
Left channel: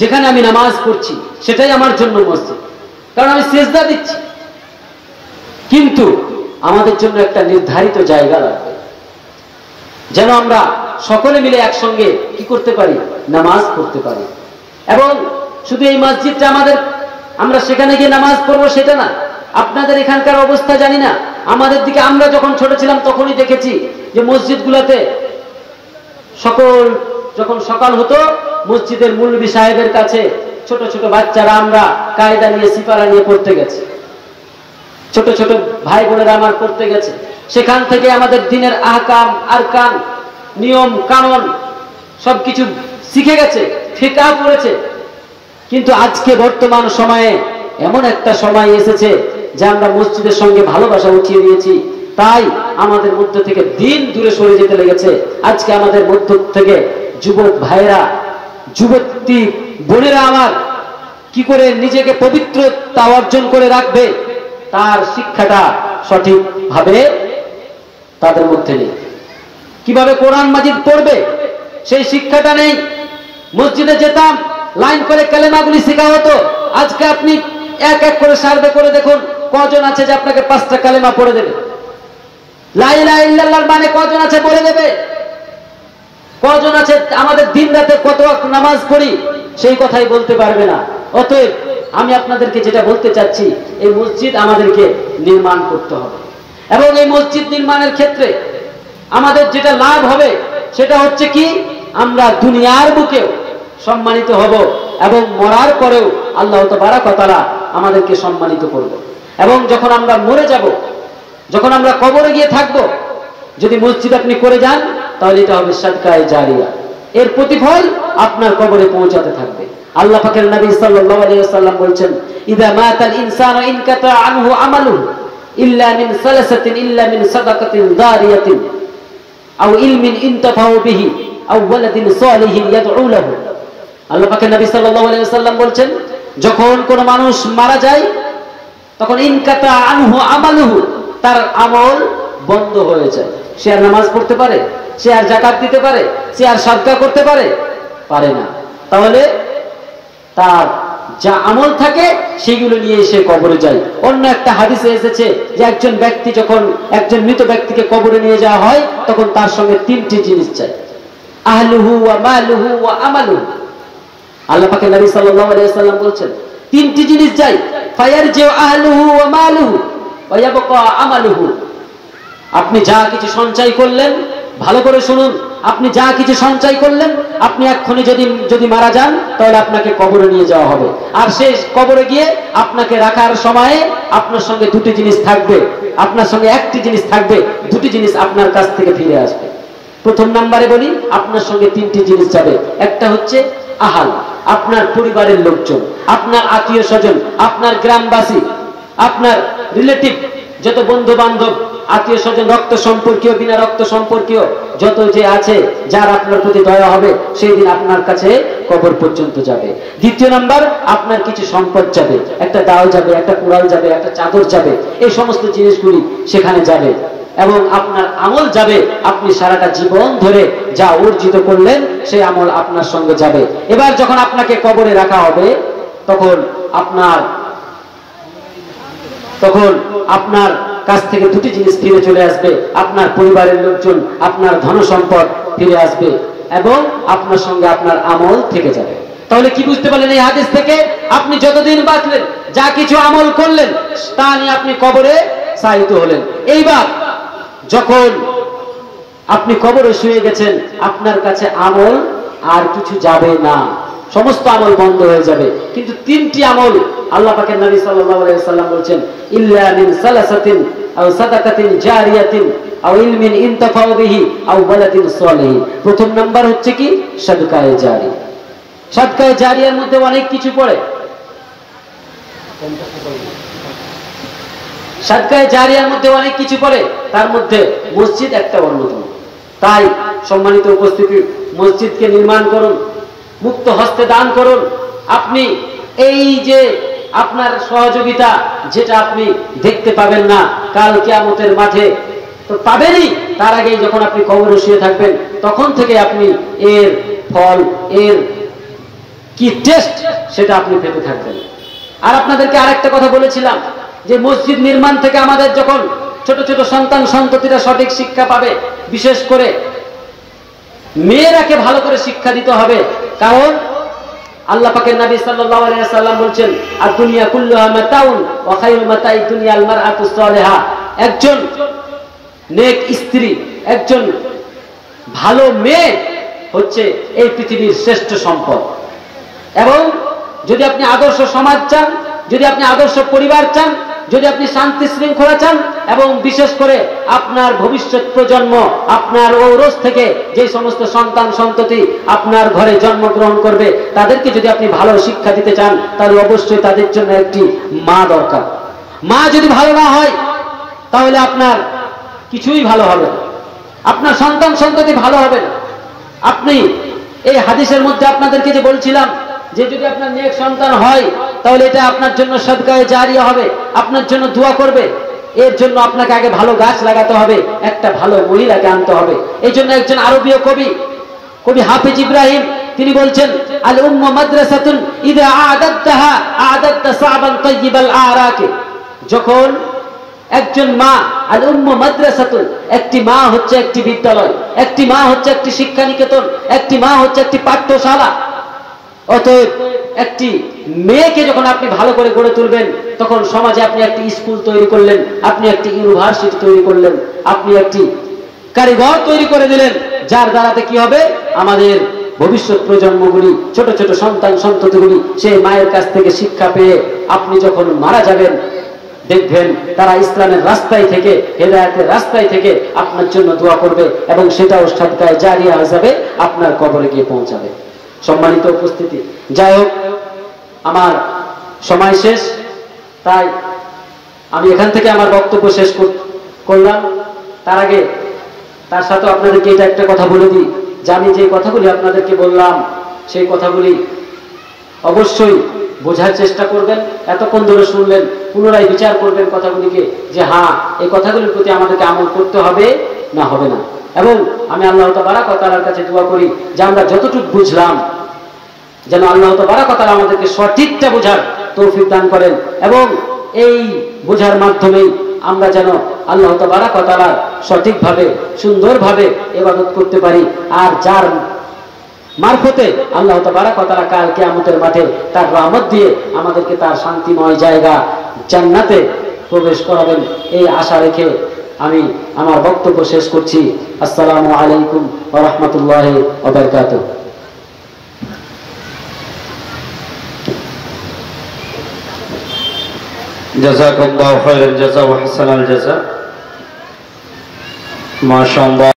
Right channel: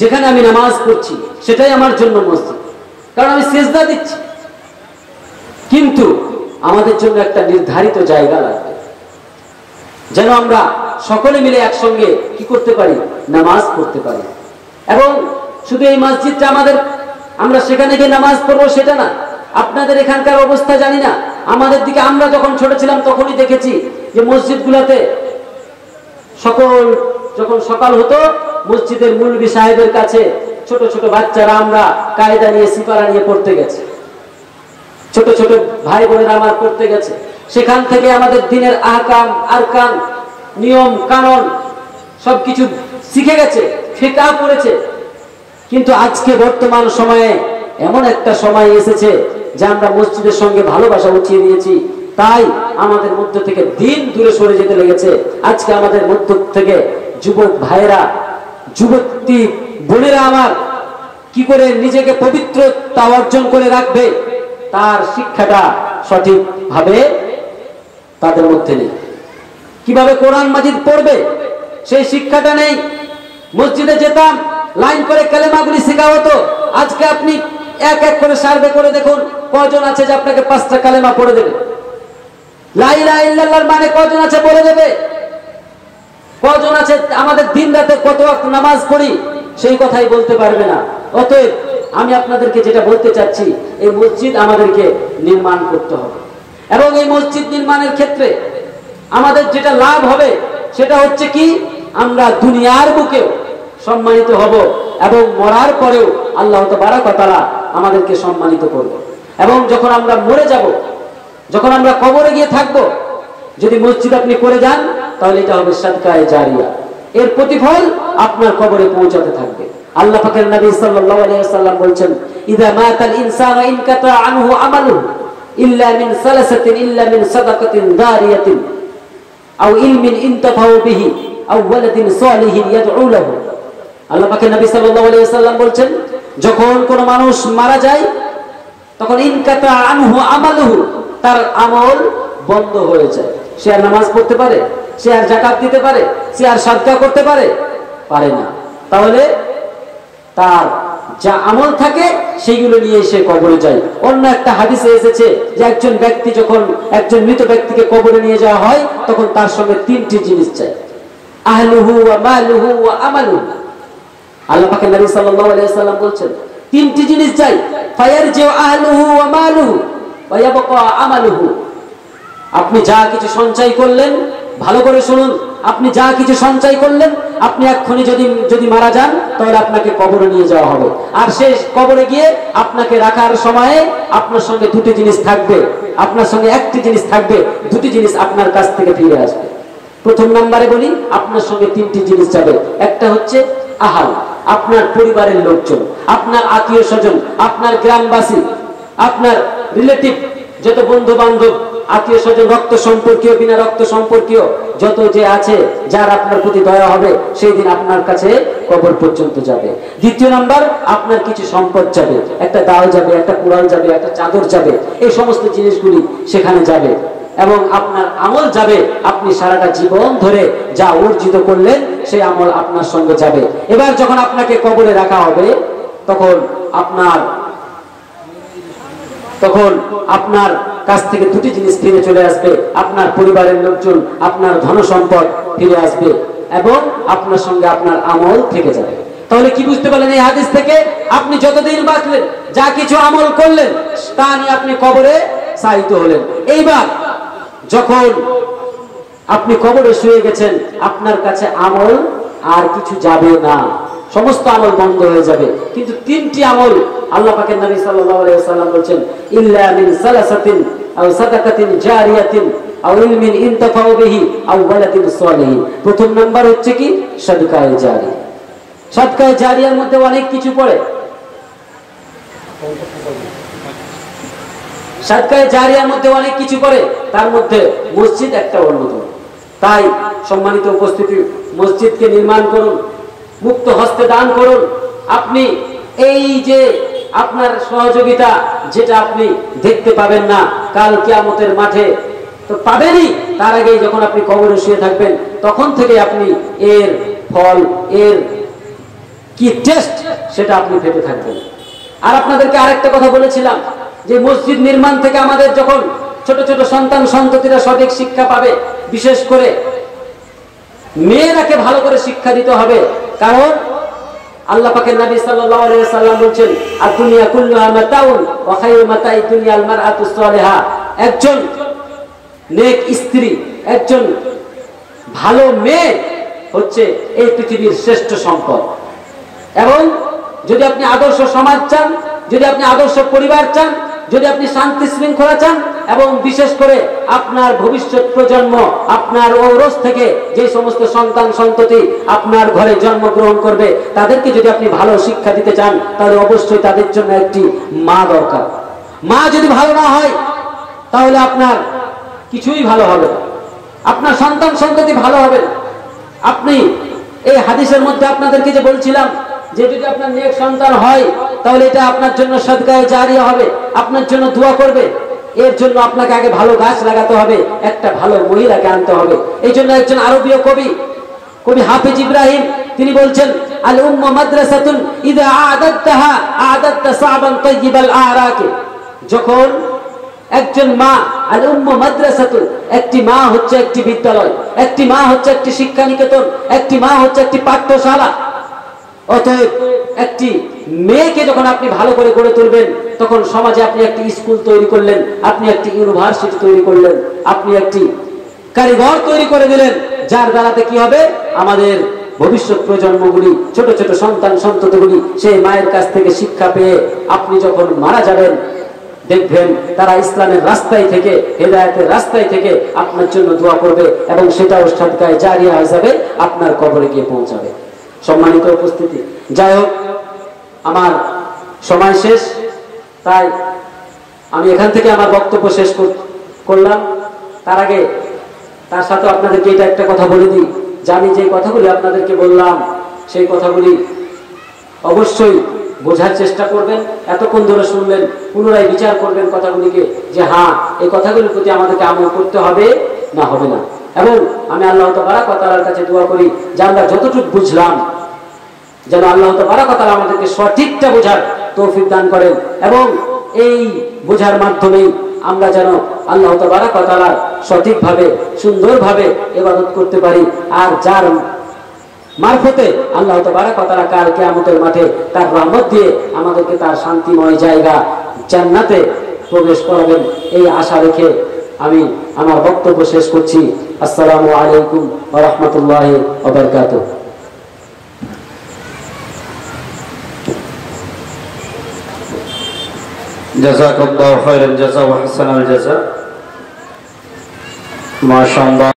যেখানে আমি নামাজ পড়ছি সেটাই আমার জন্য মসজিদ, কারণ আমি সিজদা দিচ্ছি। কিন্তু আমাদের জন্য একটা নির্ধারিত জায়গা লাগবে, যেন আমরা সকলে মিলে একসঙ্গে কি করতে পারি? নামাজ পড়তে পারি। এবং শুধু এই মসজিদটা আমাদের, আমরা সেখানে গিয়ে নামাজ পড়বো সেটা না। আপনাদের এখানকার অবস্থা জানি না, আমাদের দিকে আমরা যখন ছোট ছিলাম তখনই দেখেছি যে মসজিদগুলোতে যখন সকাল হতো, মসজিদের মুলবি সাহেবের কাছে ছোট ছোট বাচ্চারা আমরা কায়দা নিয়ে সিপারা নিয়ে পড়তে গেছে, ছোট ছোট ভাই বোনেরা আমার পড়তে গেছে। সেখান থেকে আমাদের দিনের আহকাম, আরকান, নিয়ম কানুন সবকিছু শিখে গেছে, ফিকহ পড়েছে। কিন্তু আজকে বর্তমান সময়ে এমন একটা সময় এসেছে যে আমরা মসজিদের সঙ্গে ভালোবাসা উঠিয়ে দিয়েছি, তাই আমাদের মধ্য থেকে দিন দূরে সরে যেতে লেগেছে। আজকে আমাদের মধ্য থেকে যুবক ভাইয়েরা, যুবতী বোনেরা আমার কি করে নিজেকে পবিত্রতা অর্জন করে রাখবে, তার শিক্ষাটা সঠিকভাবে তাদের মধ্যে নেই। কিভাবে কোরআন মাজিদ পড়বে সেই শিক্ষাটা নেই। মসজিদে যেতাম, লাইন করে কালেমাগুলি শেখা হতো। আজকে আপনি এক এক করে সার্ভে করে দেখুন কজন আছে যে আপনাকে 5টা কালেমা পড়ে দেবে। লা ইলাহা ইল্লাল্লাহর মানে কজন আছে বলে দেবে? কজন আছে আমাদের দিন রাতে কত ওয়াক্ত নামাজ পড়ি সেই কথাই বলতে পারবে না। অতএব আমি আপনাদেরকে যেটা বলতে চাচ্ছি, এই মসজিদ আমাদেরকে নির্মাণ করতে হবে। এবং এই মসজিদ নির্মাণের ক্ষেত্রে আমাদের যেটা লাভ হবে সেটা হচ্ছে কি? আমরা দুনিয়ার বুকেও সম্মানিত হব এবং মরার পরেও আল্লাহ তাবারক ওয়া তাআলা আমাদেরকে সম্মানিত করবে। এবং যখন আমরা মরে যাব, যখন আমরা কবরে গিয়ে থাকব, যদি মসজিদ আপনি করে যান তাহলে এটা হবে সাদকায়ে জারিয়া, এর প্রতিফল আপনার কবরে পৌঁছাতে থাকবে। আল্লাহ পাকের নবী সাল্লাল্লাহু আলাইহি ওয়াসাল্লাম বলেন, ইযা মাতাল ইনসানু ইনকাতা আনহু আমালুহু ইল্লা মিন সালাসাতিন ইল্লা মিন সাদাকাতিন জারিয়াতিন আও ইলমিন ইনতাফাউ বিহি আও ওয়ালাদিন সালিহিন ইয়াদউ লাহু। আল্লাহ পাকের নবী সাল্লাল্লাহু আলাইহি ওয়াসাল্লাম বলেন, যখন কোন মানুষ মারা যায় তখন ইনকাতা আনহু আমালুহু, তার আমল বন্ধ হয়ে যায়। সে আর নামাজ পড়তে পারে? সে আর যাকাত দিতে পারে? সে আর সাদকা করতে পারে? পারে না। তাহলে তার যা আমল থাকে সেগুলো নিয়ে সে কবরে যায়। অন্য একটা হাদিসে এসেছে যে একজন ব্যক্তি যখন একজন মৃত ব্যক্তিকে কবরে নিয়ে যাওয়া হয় তখন তার সঙ্গে 3টি জিনিস চাই, আহলুহু ওয়া মালুহু ওয়া আমালুহু। আল্লাহ পাকের নবী সাল্লাল্লাহু আলাইহি ওয়াসাল্লাম বলেন 3টি জিনিস চাই, ফায়ারজিউ আহলুহু ওয়া মালুহু ওয়া ইয়াবকা আমালুহু। আপনি যা কিছু সঞ্চয় করলেন, ভালো করে শুনুন, আপনি যা কিছু সঞ্চয় করলেন, আপনি এক্ষুনি যদি মারা যান তাহলে আপনাকে কবরে নিয়ে যাওয়া হবে। আর সেই কবরে গিয়ে আপনাকে রাখার সময়ে আপনার সঙ্গে 2টি জিনিস থাকবে, আপনার সঙ্গে 1টি জিনিস থাকবে, 2টি জিনিস আপনার কাছ থেকে ফিরে আসবে। প্রথম নম্বরে বলি, আপনার সঙ্গে 3টি জিনিস যাবে। একটা হচ্ছে আহাল, আপনার পরিবারের লোকজন, আপনার আত্মীয় স্বজন, আপনার গ্রামবাসী, আপনার রিলেটিভ, যত বন্ধু বান্ধব, আত্মীয় স্বজন, রক্ত সম্পর্কীয়, বিনা রক্ত সম্পর্কীয় যত যে আছে, যার আপনার প্রতি দয়া হবে সেই দিন আপনার কাছে কবর পর্যন্ত যাবে। দ্বিতীয় নাম্বার, আপনার কিছু সম্পদ যাবে, একটা দাও যাবে, একটা কুড়াল যাবে, একটা চাদর যাবে, এই সমস্ত জিনিসগুলি সেখানে যাবে। এবং আপনার আমল যাবে, আপনি সারাটা জীবন ধরে যা অর্জিত করলেন সেই আমল আপনার সঙ্গে যাবে। এবার যখন আপনাকে কবরে রাখা হবে তখন আপনার কাছ থেকে 2টি জিনিস ফিরে চলে আসবে, আপনার পরিবারের লোকজন, আপনার ধন সম্পদ ফিরে আসবে এবং আপনার সঙ্গে আপনার আমল থেকে যাবে। তাহলে কি বুঝতে পারলেন এই হাদিস থেকে? আপনি যতদিন বাঁচলেন, যা কিছু আমল করলেন তা নিয়ে আপনি কবরে শায়িত হলেন। এইবার যখন আপনি কবরে শুয়ে গেছেন, আপনার কাছে আমল আর কিছু যাবে না, সমস্ত আমল বন্ধ হয়ে যাবে। কিন্তু 3টি আমল আল্লাহ পাকের নবী সাল্লাল্লাহু আলাইহি ওয়াসাল্লাম বলেন, ইল্লা মিন সালাসাতিন আও সাদাকাতিন জারিয়াতিন আও ইলমিন ইনতাফাউ বিহি আও ওয়ালাদিন সালিহ। প্রথম নাম্বার হচ্ছে কি সাদকায়ে জারিয়া। সাদকায়ে জারিয়ার মধ্যে অনেক কিছু পড়ে। সাদকায়ে জারিয়ার মধ্যে অনেক কিছু পড়ে, তার মধ্যে মসজিদ একটা অন্যতম। তাই সম্মানিত উপস্থিতি, মসজিদকে নির্মাণ করুন, মুক্ত হস্তে দান করুন। আপনি এই যে আপনার সহযোগিতা, যেটা আপনি দেখতে পাবেন না কাল কিয়ামতের মাঠে, তো পাবেনই তার আগেই যখন আপনি কবরে শুয়ে থাকবেন, তখন থেকে আপনি এর ফল, এর কি টেস্ট, সেটা আপনি পেতে থাকবেন। আর আপনাদেরকে আরেকটা কথা বলেছিলাম যে মসজিদ নির্মাণ থেকে আমাদের যখন ছোট ছোট সন্তান সন্ততিরা সঠিক শিক্ষা পাবে, বিশেষ করে মেয়েরাকে ভালো করে শিক্ষা দিতে হবে। কারণ আল্লাহ পাকের নবী সাল্লাল্লাহু আলাইহি ওয়াসাল্লাম বলেন, আদ-দুনিয়া কুল্লুহা মাতাউন ওয়া খায়রু মাতাইদ দুনিয়া আল মারআতু সালিহা। একজন নেক স্ত্রী, একজন ভালো মেয়ে হচ্ছে এই পৃথিবীর শ্রেষ্ঠ সম্পদ। এবং যদি আপনি আদর্শ সমাজ চান, যদি আপনি আদর্শ পরিবার চান, যদি আপনি শান্তি শৃঙ্খলা চান, এবং বিশেষ করে আপনার ভবিষ্যৎ প্রজন্ম, আপনার ঔরস থেকে যে সমস্ত সন্তান সন্ততি আপনার ঘরে জন্মগ্রহণ করবে, তাদেরকে যদি আপনি ভালো শিক্ষা দিতে চান, তাহলে অবশ্যই তাদের জন্য একটি মা দরকার। মা যদি ভালো না হয়, তাহলে আপনার কিছুই ভালো হবে না, আপনার সন্তান সন্ততি ভালো হবে না। আপনি এই হাদিসের মধ্যে আপনাদেরকে যে বলছিলাম যে যদি আপনার নেক সন্তান হয়, তাহলে এটা আপনার জন্য সাদকায়ে জারিয়া হবে, আপনার জন্য দোয়া করবে। এর জন্য আপনাকে আগে ভালো গাছ লাগাতে হবে, একটা ভালো মহিলাকে আনতে হবে। এই জন্য একজন আরবীয় কবি হাফিজ ইব্রাহিম তিনি বলছেন, আল উম্মা মাদ্রাসাতুন ইযা আ'দাদতাহা আ'দাদতা সা'বান তাইয়িবাল আরাকে। যখন একজন মা, আল উম্মা মাদ্রাসাতুন, একটি মা হচ্ছে একটি বিদ্যালয়, একটি মা হচ্ছে একটি শিক্ষা নিকেতন, একটি মা হচ্ছে একটি পাঠ্যশালা। অতএব একটি মেয়েকে যখন আপনি ভালো করে গড়ে তুলবেন, তখন সমাজে আপনি একটি স্কুল তৈরি করলেন, আপনি একটি ইউনিভার্সিটি তৈরি করলেন, আপনি একটি কারিগর তৈরি করে দিলেন, যার দ্বারাতে কি হবে, আমাদের ভবিষ্যৎ প্রজন্মগুলি, ছোট ছোট সন্তান সন্ততিগুলি সেই মায়ের কাছ থেকে শিক্ষা পেয়ে আপনি যখন মারা যাবেন, দেখবেন তারা ইসলামের রাস্তায় থেকে, হেদায়েতের রাস্তায় থেকে আপনার জন্য দোয়া করবে, এবং সেটাও সাদকায়ে জারিয়া হিসাবে আপনার কবরে গিয়ে পৌঁছাবে। সম্মানিত উপস্থিতি, যাই হোক, আমার সময় শেষ, তাই আমি এখান থেকে আমার বক্তব্য শেষ করলাম। তার আগে তার সাথে আপনাদেরকে এটা একটা কথা বলে দিই, যে আমি যে কথাগুলি আপনাদেরকে বললাম, সেই কথাগুলি অবশ্যই বোঝার চেষ্টা করবেন। এতক্ষণ ধরে শুনলেন, পুনরায় বিচার করবেন কথাগুলিকে, যে হ্যাঁ, এই কথাগুলির প্রতি আমাদেরকে আমল করতে হবে না হবে না। এবং আমি আল্লাহ তাবারক ওয়া তাআলার কাছে দোয়া করি যে আমরা যতটুকু বুঝলাম, যেন আল্লাহ তাবারক ওয়া তাআলা আমাদেরকে সঠিকটা বোঝার তৌফিক দান করেন, এবং এই বোঝার মাধ্যমে আমরা যেন আল্লাহ তাবারক ওয়া তাআলা সঠিকভাবে, সুন্দরভাবে ইবাদত করতে পারি। আর যার মারফতে আল্লাহ তাবারক ওয়া তাআলা কাল কিয়ামতের মাঠে তার রহমত দিয়ে আমাদেরকে তার শান্তিময় জায়গা জান্নাতে প্রবেশ করাবেন, এই আশা রেখে আমি আমার বক্তব্য শেষ করছি। আসসালামু আলাইকুম ওয়া রাহমাতুল্লাহি ওয়া বারাকাতুহু। জাযাকাল্লাহু খাইরান জাযা ওয়া হাসানাল জাযা। মাশাআল্লাহ।